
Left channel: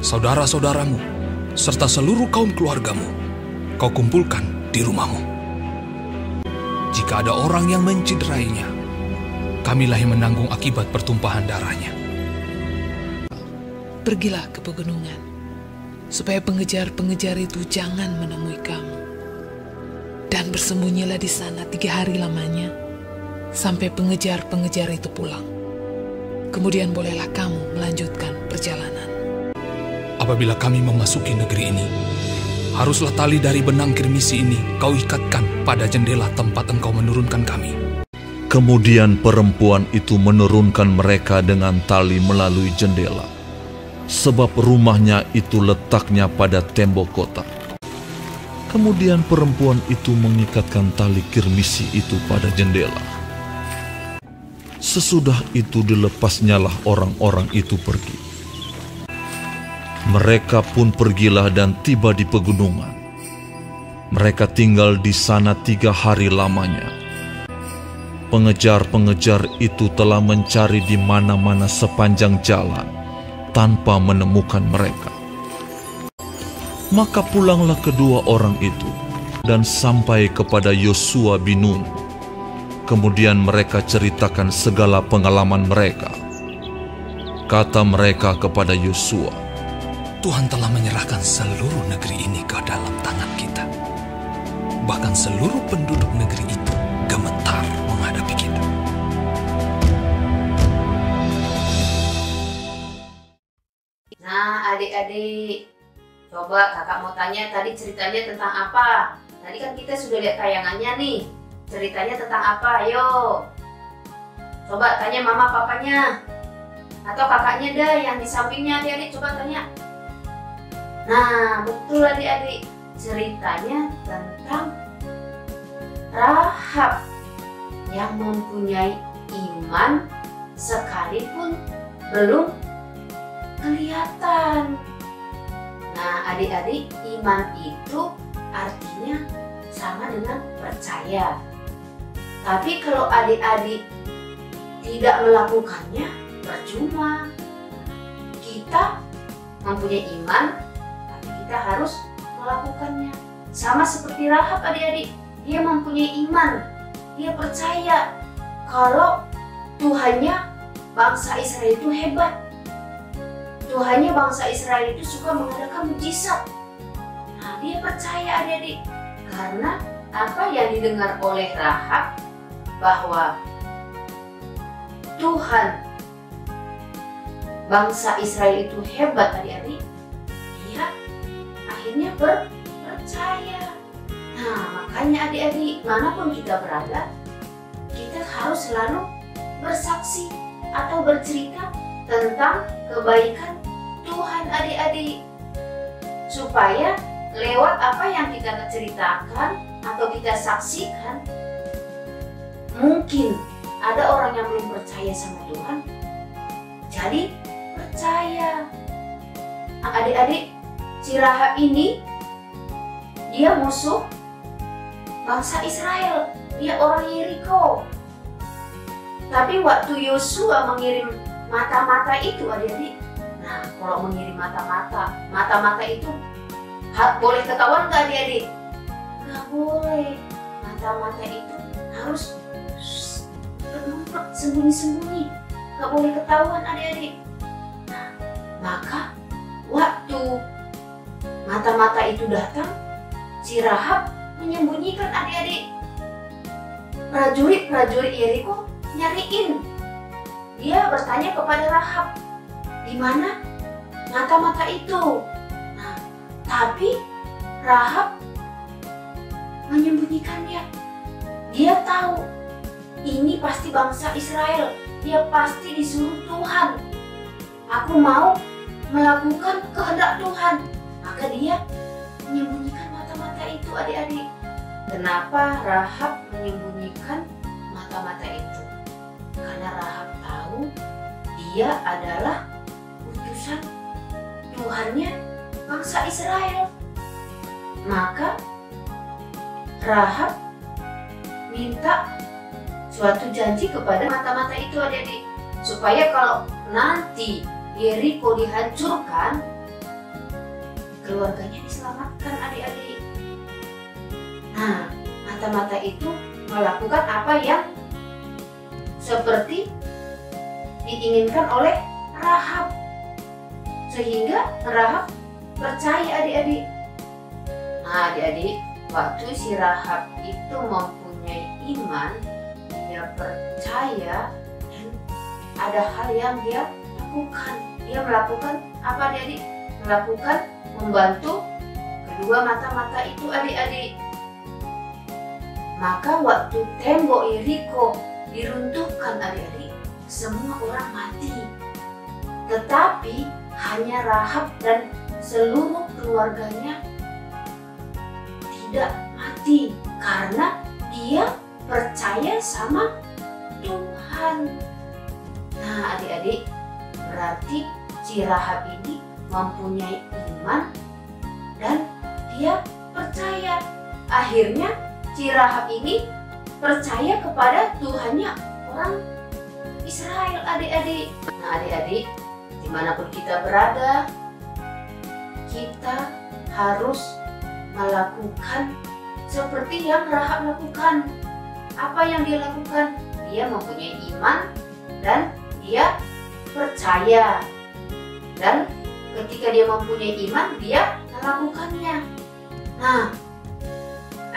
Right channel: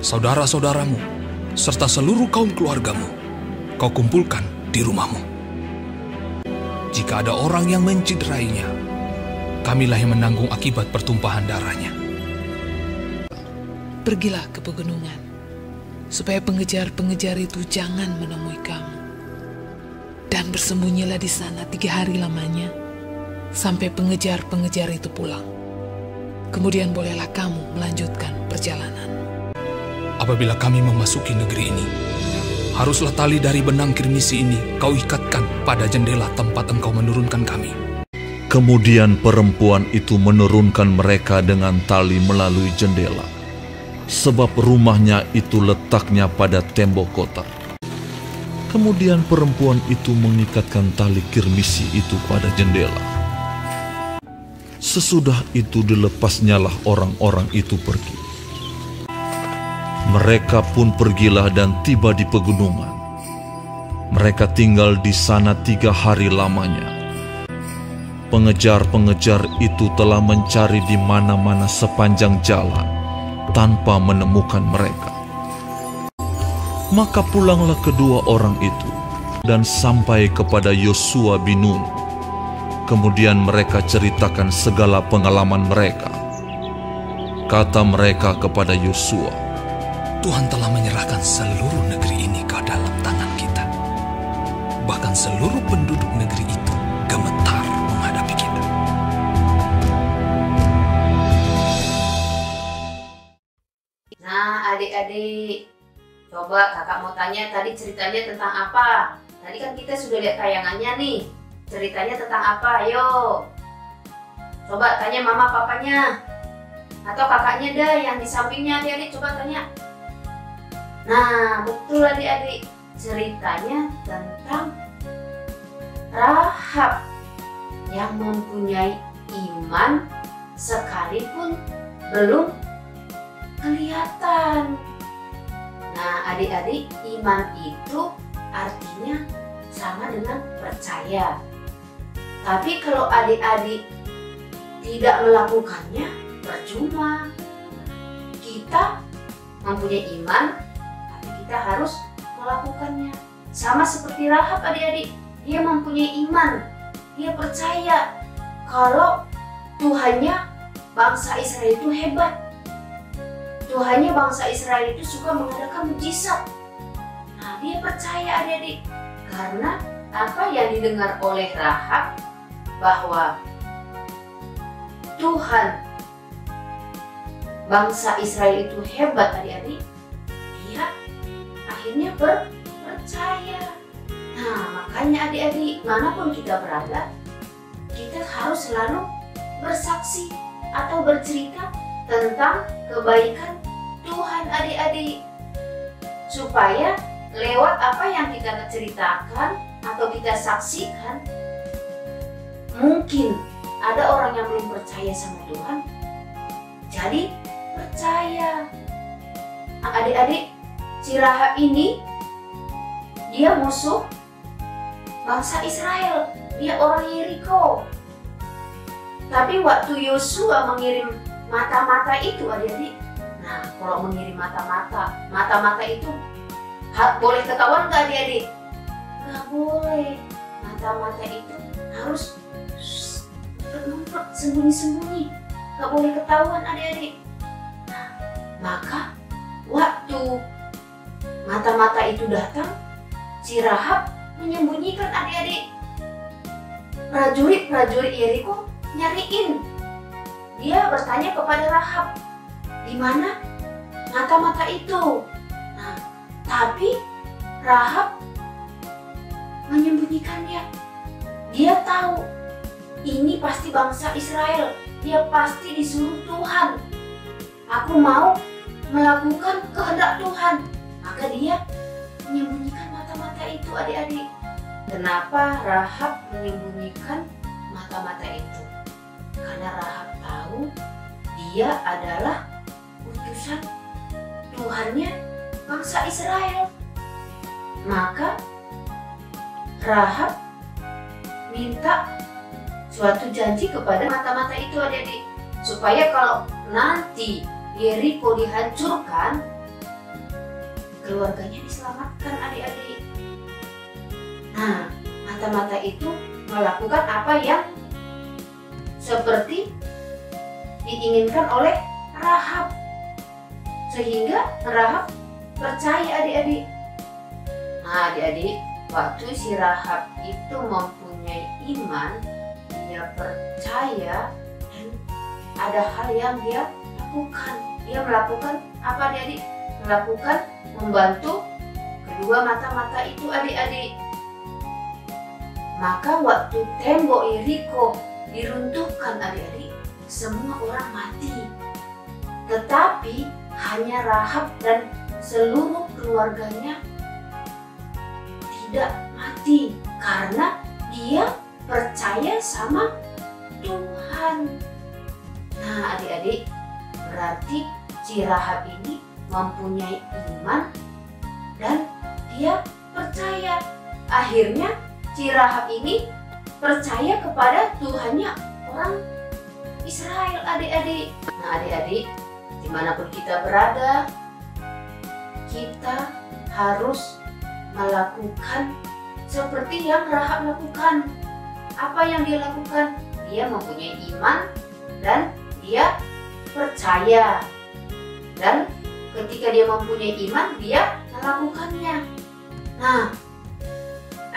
saudara-saudaramu, serta seluruh kaum keluargamu, kau kumpulkan di rumahmu. Jika ada orang yang menciderainya, kamilah yang menanggung akibat pertumpahan darahnya. Pergilah ke pegunungan, supaya pengejar-pengejar itu jangan menemui kamu. Dan bersembunyilah di sana 3 hari lamanya, sampai pengejar-pengejar itu pulang. Kemudian bolehlah kamu melanjutkan perjalanan. Apabila kami memasuki negeri ini, haruslah tali dari benang kirmisi ini kau ikatkan pada jendela tempat engkau menurunkan kami. Kemudian perempuan itu menurunkan mereka dengan tali melalui jendela, sebab rumahnya itu letaknya pada tembok kota. Kemudian perempuan itu mengikatkan tali kirmisi itu pada jendela. Sesudah itu dilepasnyalah orang-orang itu pergi. Mereka pun pergilah dan tiba di pegunungan. Mereka tinggal di sana 3 hari lamanya. Pengejar-pengejar itu telah mencari di mana-mana sepanjang jalan tanpa menemukan mereka. Maka pulanglah kedua orang itu dan sampai kepada Yosua bin Nun. Kemudian mereka ceritakan segala pengalaman mereka. Kata mereka kepada Yosua, Tuhan telah menyerahkan seluruh negeri ini ke dalam tangan kita. Bahkan seluruh penduduk negeri itu gemetar menghadapi kita. Nah, adik-adik, coba kakak mau tanya tadi ceritanya tentang apa? Tadi kan kita sudah lihat tayangannya nih. Ceritanya tentang apa? Ayo. Coba tanya mama papanya. Atau kakaknya dah yang di sampingnya, adik-adik coba tanya. Nah, betul adik-adik. Ceritanya tentang Rahab yang mempunyai iman sekalipun belum kelihatan. Nah, adik-adik, iman itu artinya sama dengan percaya. Tapi kalau adik-adik tidak melakukannya, percuma. Kita mempunyai iman, tapi kita harus melakukannya. Sama seperti Rahab, adik-adik. Dia mempunyai iman. Dia percaya kalau Tuhannya bangsa Israel itu hebat. Tuhannya bangsa Israel itu suka mengadakan mujizat. Nah, dia percaya adik-adik. Karena apa yang didengar oleh Rahab, bahwa Tuhan bangsa Israel itu hebat adik-adik, dia akhirnya percaya. Nah, makanya adik-adik, manapun kita berada, kita harus selalu bersaksi atau bercerita tentang kebaikan Tuhan adik-adik, supaya lewat apa yang kita ceritakan atau kita saksikan, mungkin ada orang yang belum percaya sama Tuhan, jadi percaya. Adik-adik, si Rahab ini dia musuh bangsa Israel, dia orang Yeriko. Tapi waktu Yosua mengirim mata-mata itu adik-adik, nah kalau mengirim mata-mata itu boleh ketahuan nggak adik-adik? Nggak boleh. Mata-mata itu harus ngumpet, sembunyi-sembunyi, nggak boleh ketahuan adik-adik. Nah, maka waktu mata-mata itu datang, si Rahab menyembunyikan adik-adik. Prajurit Yeriko nyariin. Dia bertanya kepada Rahab, di mana mata-mata itu? Nah, tapi Rahab menyembunyikannya. Dia tahu ini pasti bangsa Israel. Dia pasti disuruh Tuhan. Aku mau melakukan kehendak Tuhan. Maka dia menyembunyikan mata-mata itu adik-adik. Kenapa Rahab menyembunyikan mata-mata itu? Karena Rahab tahu dia adalah utusan Tuhannya bangsa Israel. Maka Rahab minta suatu janji kepada mata-mata itu adik-adik, supaya kalau nanti Yeriko dihancurkan, keluarganya diselamatkan adik-adik. Nah, mata-mata itu melakukan apa yang seperti diinginkan oleh Rahab, sehingga Rahab percaya adik-adik. Nah adik-adik, waktu si Rahab itu mempunyai iman, dia percaya dan ada hal yang dia lakukan. Dia melakukan apa adik-adik? Melakukan membantu kedua mata-mata itu adik-adik. Maka waktu tembok Yeriko diruntuhkan adik-adik, semua orang mati. Tetapi hanya Rahab dan seluruh keluarganya tidak mati karena dia percaya sama Tuhan. Nah adik-adik, berarti si Rahab ini mempunyai iman dan dia percaya. Akhirnya si Rahab ini percaya kepada Tuhannya orang Israel adik-adik. Nah adik-adik, dimanapun kita berada, kita harus melakukan seperti yang Rahab lakukan. Apa yang dia lakukan? Dia mempunyai iman dan dia percaya. Dan ketika dia mempunyai iman, dia melakukannya. Nah,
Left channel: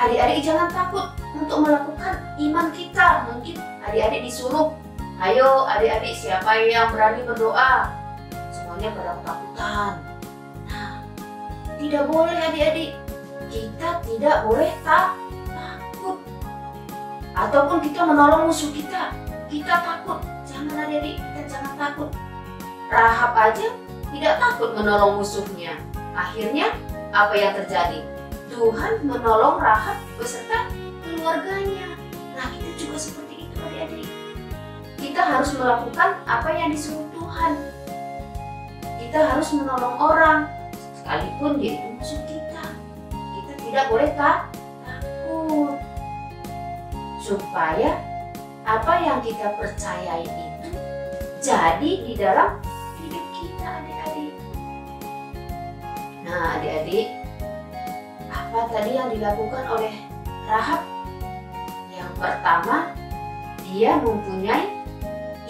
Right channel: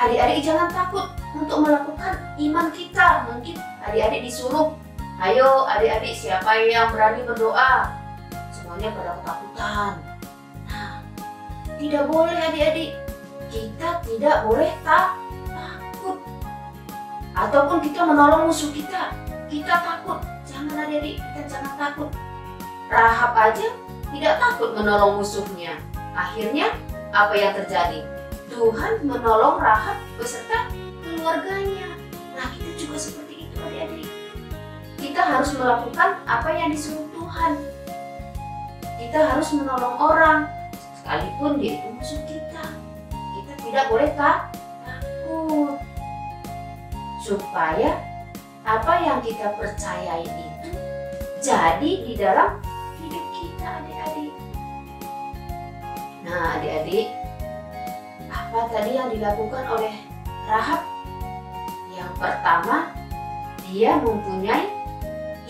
adik-adik jangan takut untuk melakukan iman kita. Mungkin adik-adik disuruh, ayo adik-adik siapa yang berani berdoa? Semuanya pada ketakutan. Nah, tidak boleh adik-adik. Kita tidak boleh takut. Ataupun kita menolong musuh kita takut. Jangan adik-adik, kita jangan takut. Rahab aja tidak takut menolong musuhnya. Akhirnya apa yang terjadi? Tuhan menolong Rahab beserta keluarganya. Nah kita juga seperti itu adik-adik. Kita harus melakukan apa yang disuruh Tuhan. Kita harus menolong orang, sekalipun dia itu musuh kita. Kita tidak boleh takut. Supaya apa yang kita percayai itu jadi di dalam hidup kita adik-adik. Nah adik-adik, apa tadi yang dilakukan oleh Rahab? Yang pertama, dia mempunyai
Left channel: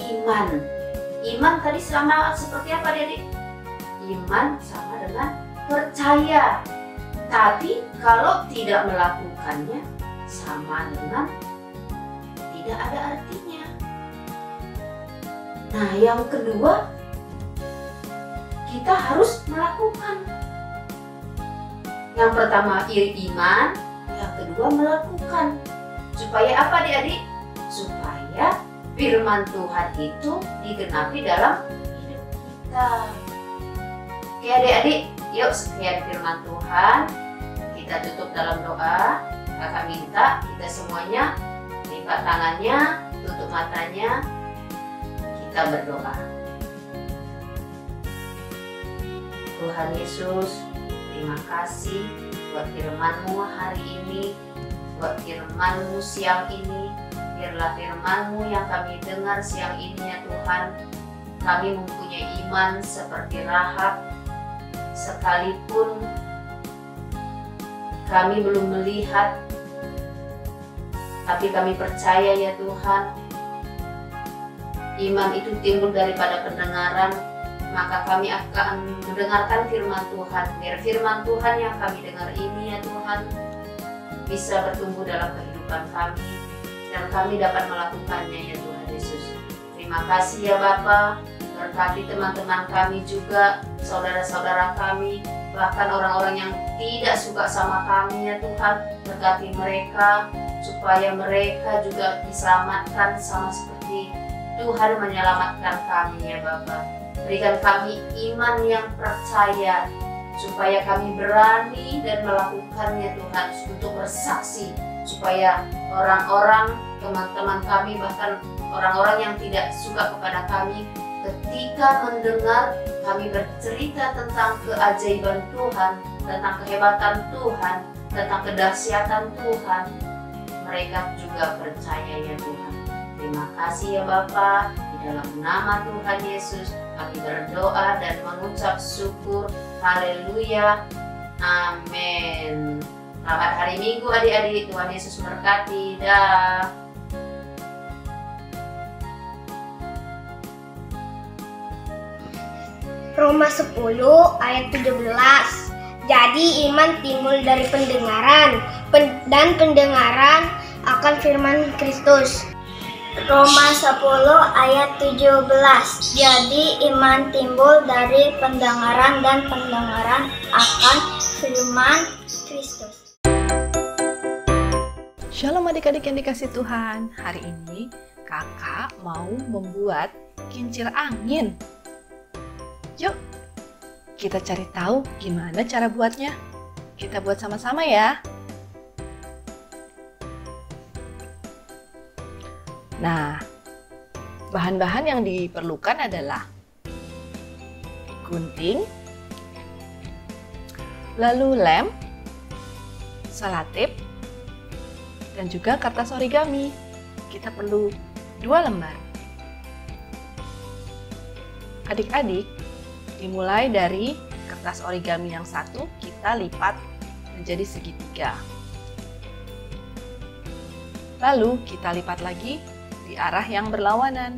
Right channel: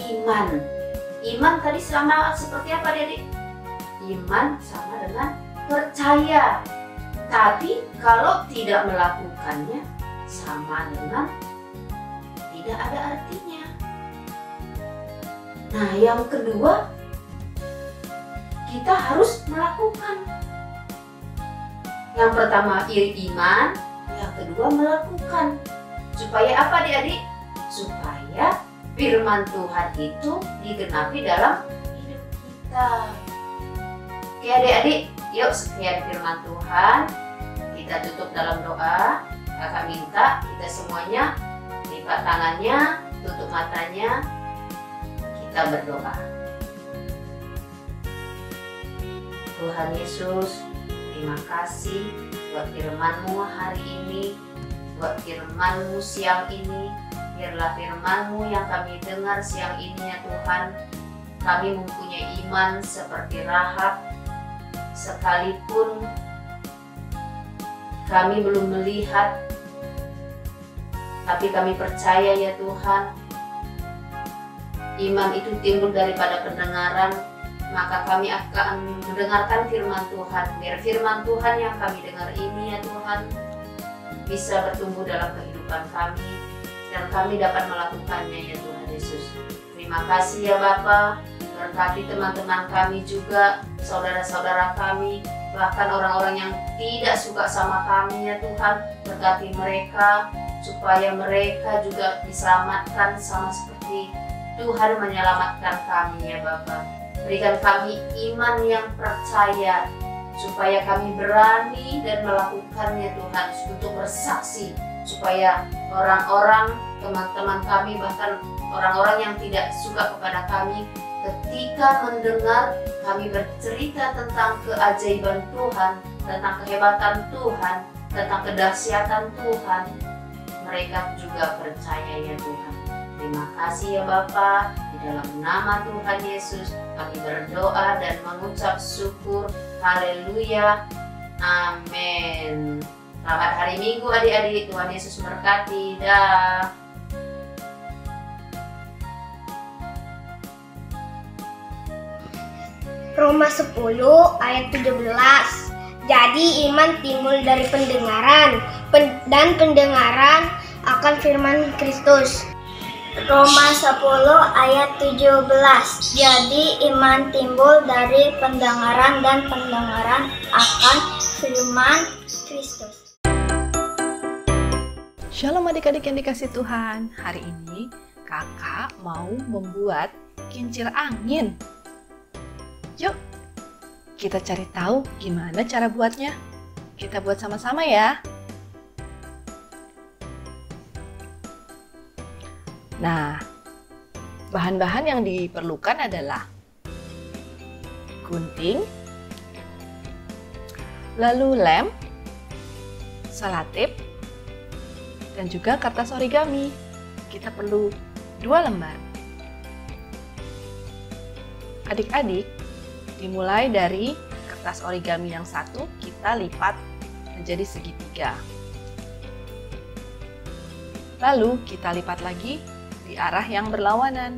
iman. Iman tadi sama seperti apa adik-adik? Iman sama dengan percaya. Tapi kalau tidak melakukannya sama dengan tidak ada artinya. Nah yang kedua, kita harus melakukan. Yang pertama iman, yang kedua melakukan. Supaya apa adik-adik? Supaya firman Tuhan itu digenapi dalam hidup kita. Oke adik-adik, yuk sekian firman Tuhan. Kita tutup dalam doa. Kakak minta kita semuanya lipat tangannya, tutup matanya, kita berdoa. Tuhan Yesus, terima kasih buat firman-Mu hari ini, buat firman-Mu siang ini. Biarlah firman-Mu yang kami dengar siang ini ya Tuhan, kami mempunyai iman seperti Rahab, sekalipun kami belum melihat, tapi kami percaya ya Tuhan, iman itu timbul daripada pendengaran, maka kami akan mendengarkan firman Tuhan. Biar firman Tuhan yang kami dengar ini ya Tuhan, bisa bertumbuh dalam kehidupan kami, dan kami dapat melakukannya ya Tuhan Yesus. Terima kasih ya Bapa, berkati teman-teman kami juga, saudara-saudara kami, bahkan orang-orang yang tidak suka sama kami ya Tuhan, berkati mereka, supaya mereka juga diselamatkan sama seperti Tuhan menyelamatkan kami ya Bapa. Berikan kami iman yang percaya, supaya kami berani dan melakukannya Tuhan, untuk bersaksi, supaya orang-orang, teman-teman kami, bahkan orang-orang yang tidak suka kepada kami, ketika mendengar kami bercerita tentang keajaiban Tuhan, tentang kehebatan Tuhan, tentang kedahsyatan Tuhan, mereka juga percaya ya Tuhan. Terima kasih ya Bapa, di dalam nama Tuhan Yesus kami berdoa dan mengucap syukur. Haleluya, amin. Selamat hari Minggu adik-adik, Tuhan Yesus memberkati. Dah. Roma 10 ayat 17. Jadi iman timbul dari pendengaran, dan pendengaran akan firman Kristus. Roma 10 ayat 17. Jadi iman timbul dari pendengaran dan pendengaran akan firman Kristus. Shalom adik-adik yang dikasih Tuhan. Hari ini kakak mau membuat kincir angin. Yuk, kita cari tahu gimana cara buatnya. Kita buat sama-sama ya. Nah, bahan-bahan yang diperlukan adalah gunting, lalu lem, selotip, dan juga kertas origami. Kita perlu 2 lembar. Adik-adik, dimulai dari kertas origami yang satu, kita lipat menjadi segitiga. Lalu kita lipat lagi di arah yang berlawanan.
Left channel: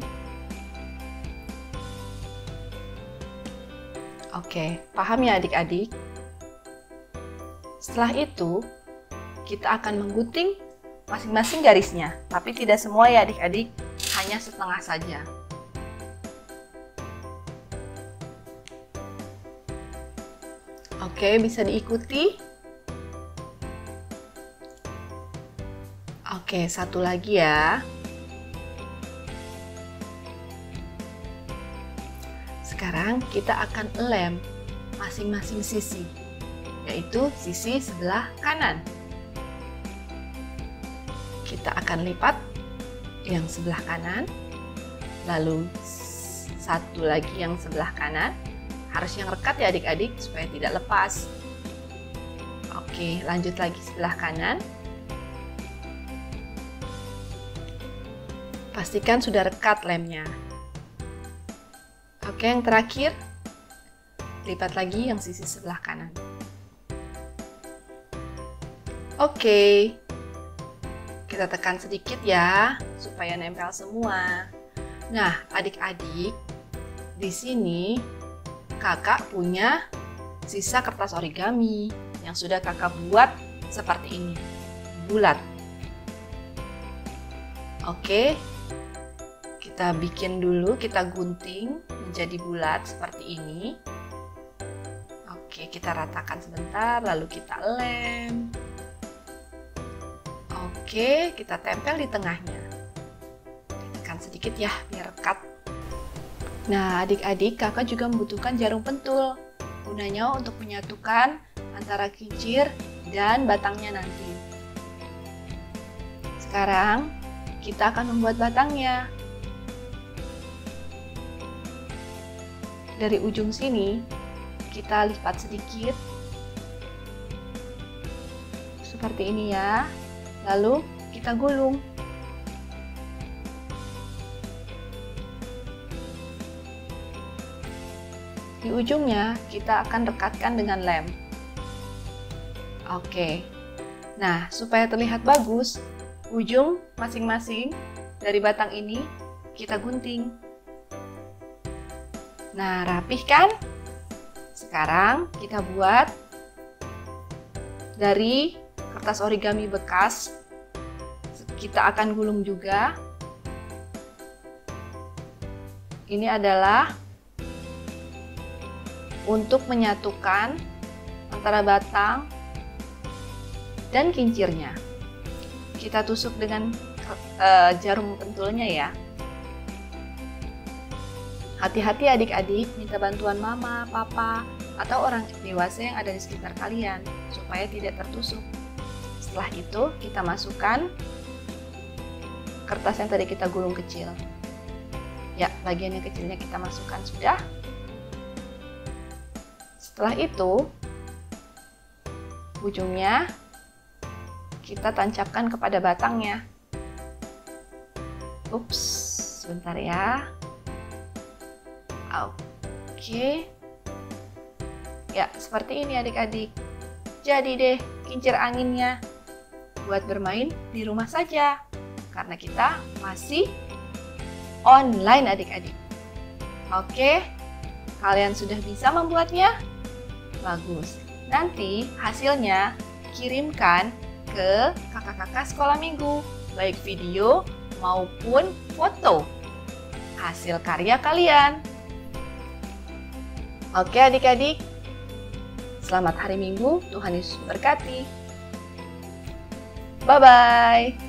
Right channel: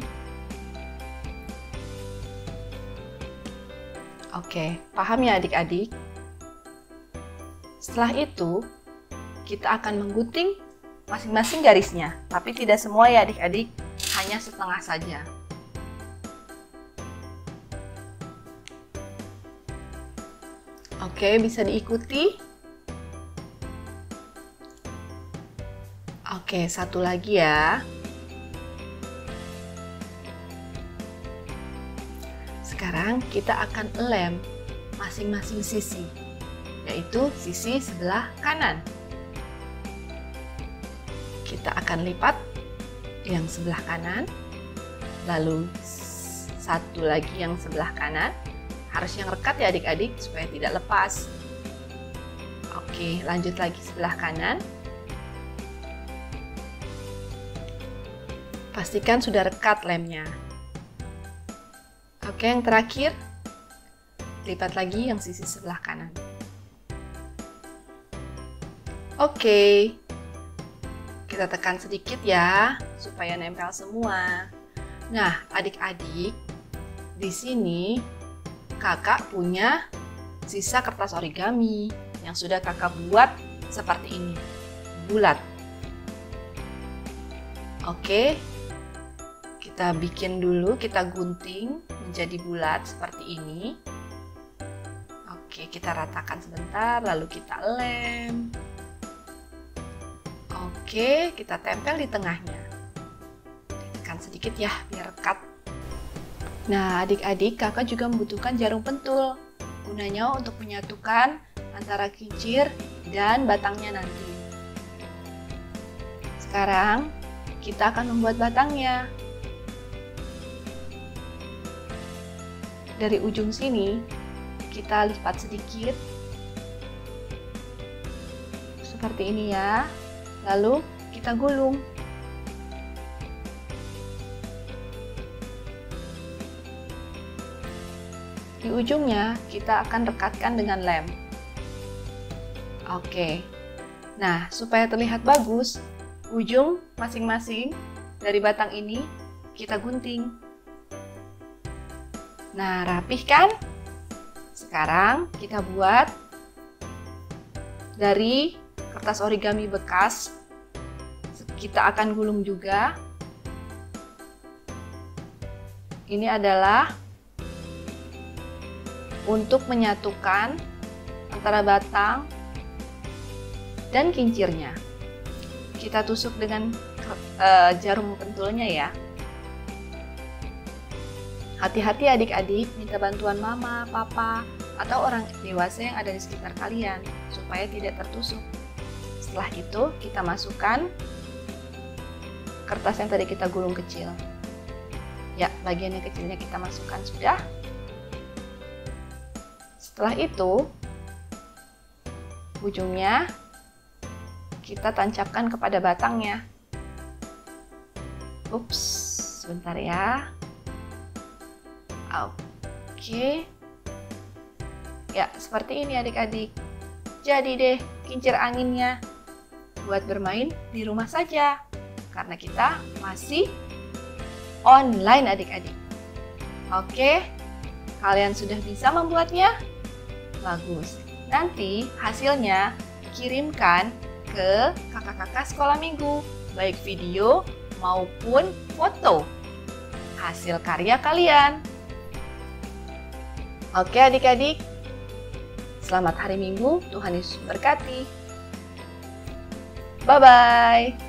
Oke, paham ya adik-adik? Setelah itu, kita akan menggunting masing-masing garisnya, tapi tidak semua ya adik-adik, hanya setengah saja. Oke, bisa diikuti. Oke, satu lagi ya. Sekarang kita akan lem masing-masing sisi, yaitu sisi sebelah kanan. Kita akan lipat yang sebelah kanan, lalu satu lagi yang sebelah kanan. Harus yang rekat ya adik-adik supaya tidak lepas. Oke, lanjut lagi sebelah kanan. Pastikan sudah rekat lemnya. Oke, yang terakhir, lipat lagi yang sisi sebelah kanan. Oke, kita tekan sedikit ya supaya nempel semua. Nah, adik-adik, di sini kakak punya sisa kertas origami yang sudah kakak buat seperti ini, bulat. Oke, kita bikin dulu, kita gunting menjadi bulat seperti ini. Oke, kita ratakan sebentar, lalu kita lem. Oke, kita tempel di tengahnya. Tekan sedikit ya, biar rekat. Nah, adik-adik, kakak juga membutuhkan jarum pentul. Gunanya untuk menyatukan antara kincir dan batangnya nanti. Sekarang, kita akan membuat batangnya. Dari ujung sini, kita lipat sedikit. Seperti ini ya. Lalu, kita gulung. Di ujungnya kita akan rekatkan dengan lem. Oke. Nah, supaya terlihat bagus, ujung masing-masing dari batang ini kita gunting. Nah, rapih kan? Sekarang kita buat dari kertas origami bekas. Kita akan gulung juga. Ini adalah untuk menyatukan antara batang dan kincirnya. Kita tusuk dengan jarum pentulnya ya. Hati-hati adik-adik, minta bantuan mama, papa, atau orang dewasa yang ada di sekitar kalian supaya tidak tertusuk. Setelah itu kita masukkan kertas yang tadi kita gulung kecil. Ya, bagian yang kecilnya kita masukkan sudah. Setelah itu, ujungnya kita tancapkan kepada batangnya. Ups, sebentar ya. Oke. Ya, seperti ini adik-adik. Jadi deh, kincir anginnya. Buat bermain di rumah saja. Karena kita masih online adik-adik. Oke, kalian sudah bisa membuatnya? Bagus. Nanti hasilnya kirimkan ke kakak-kakak sekolah minggu. Baik video maupun foto hasil karya kalian. Oke adik-adik, selamat hari Minggu, Tuhan Yesus memberkati. Bye-bye.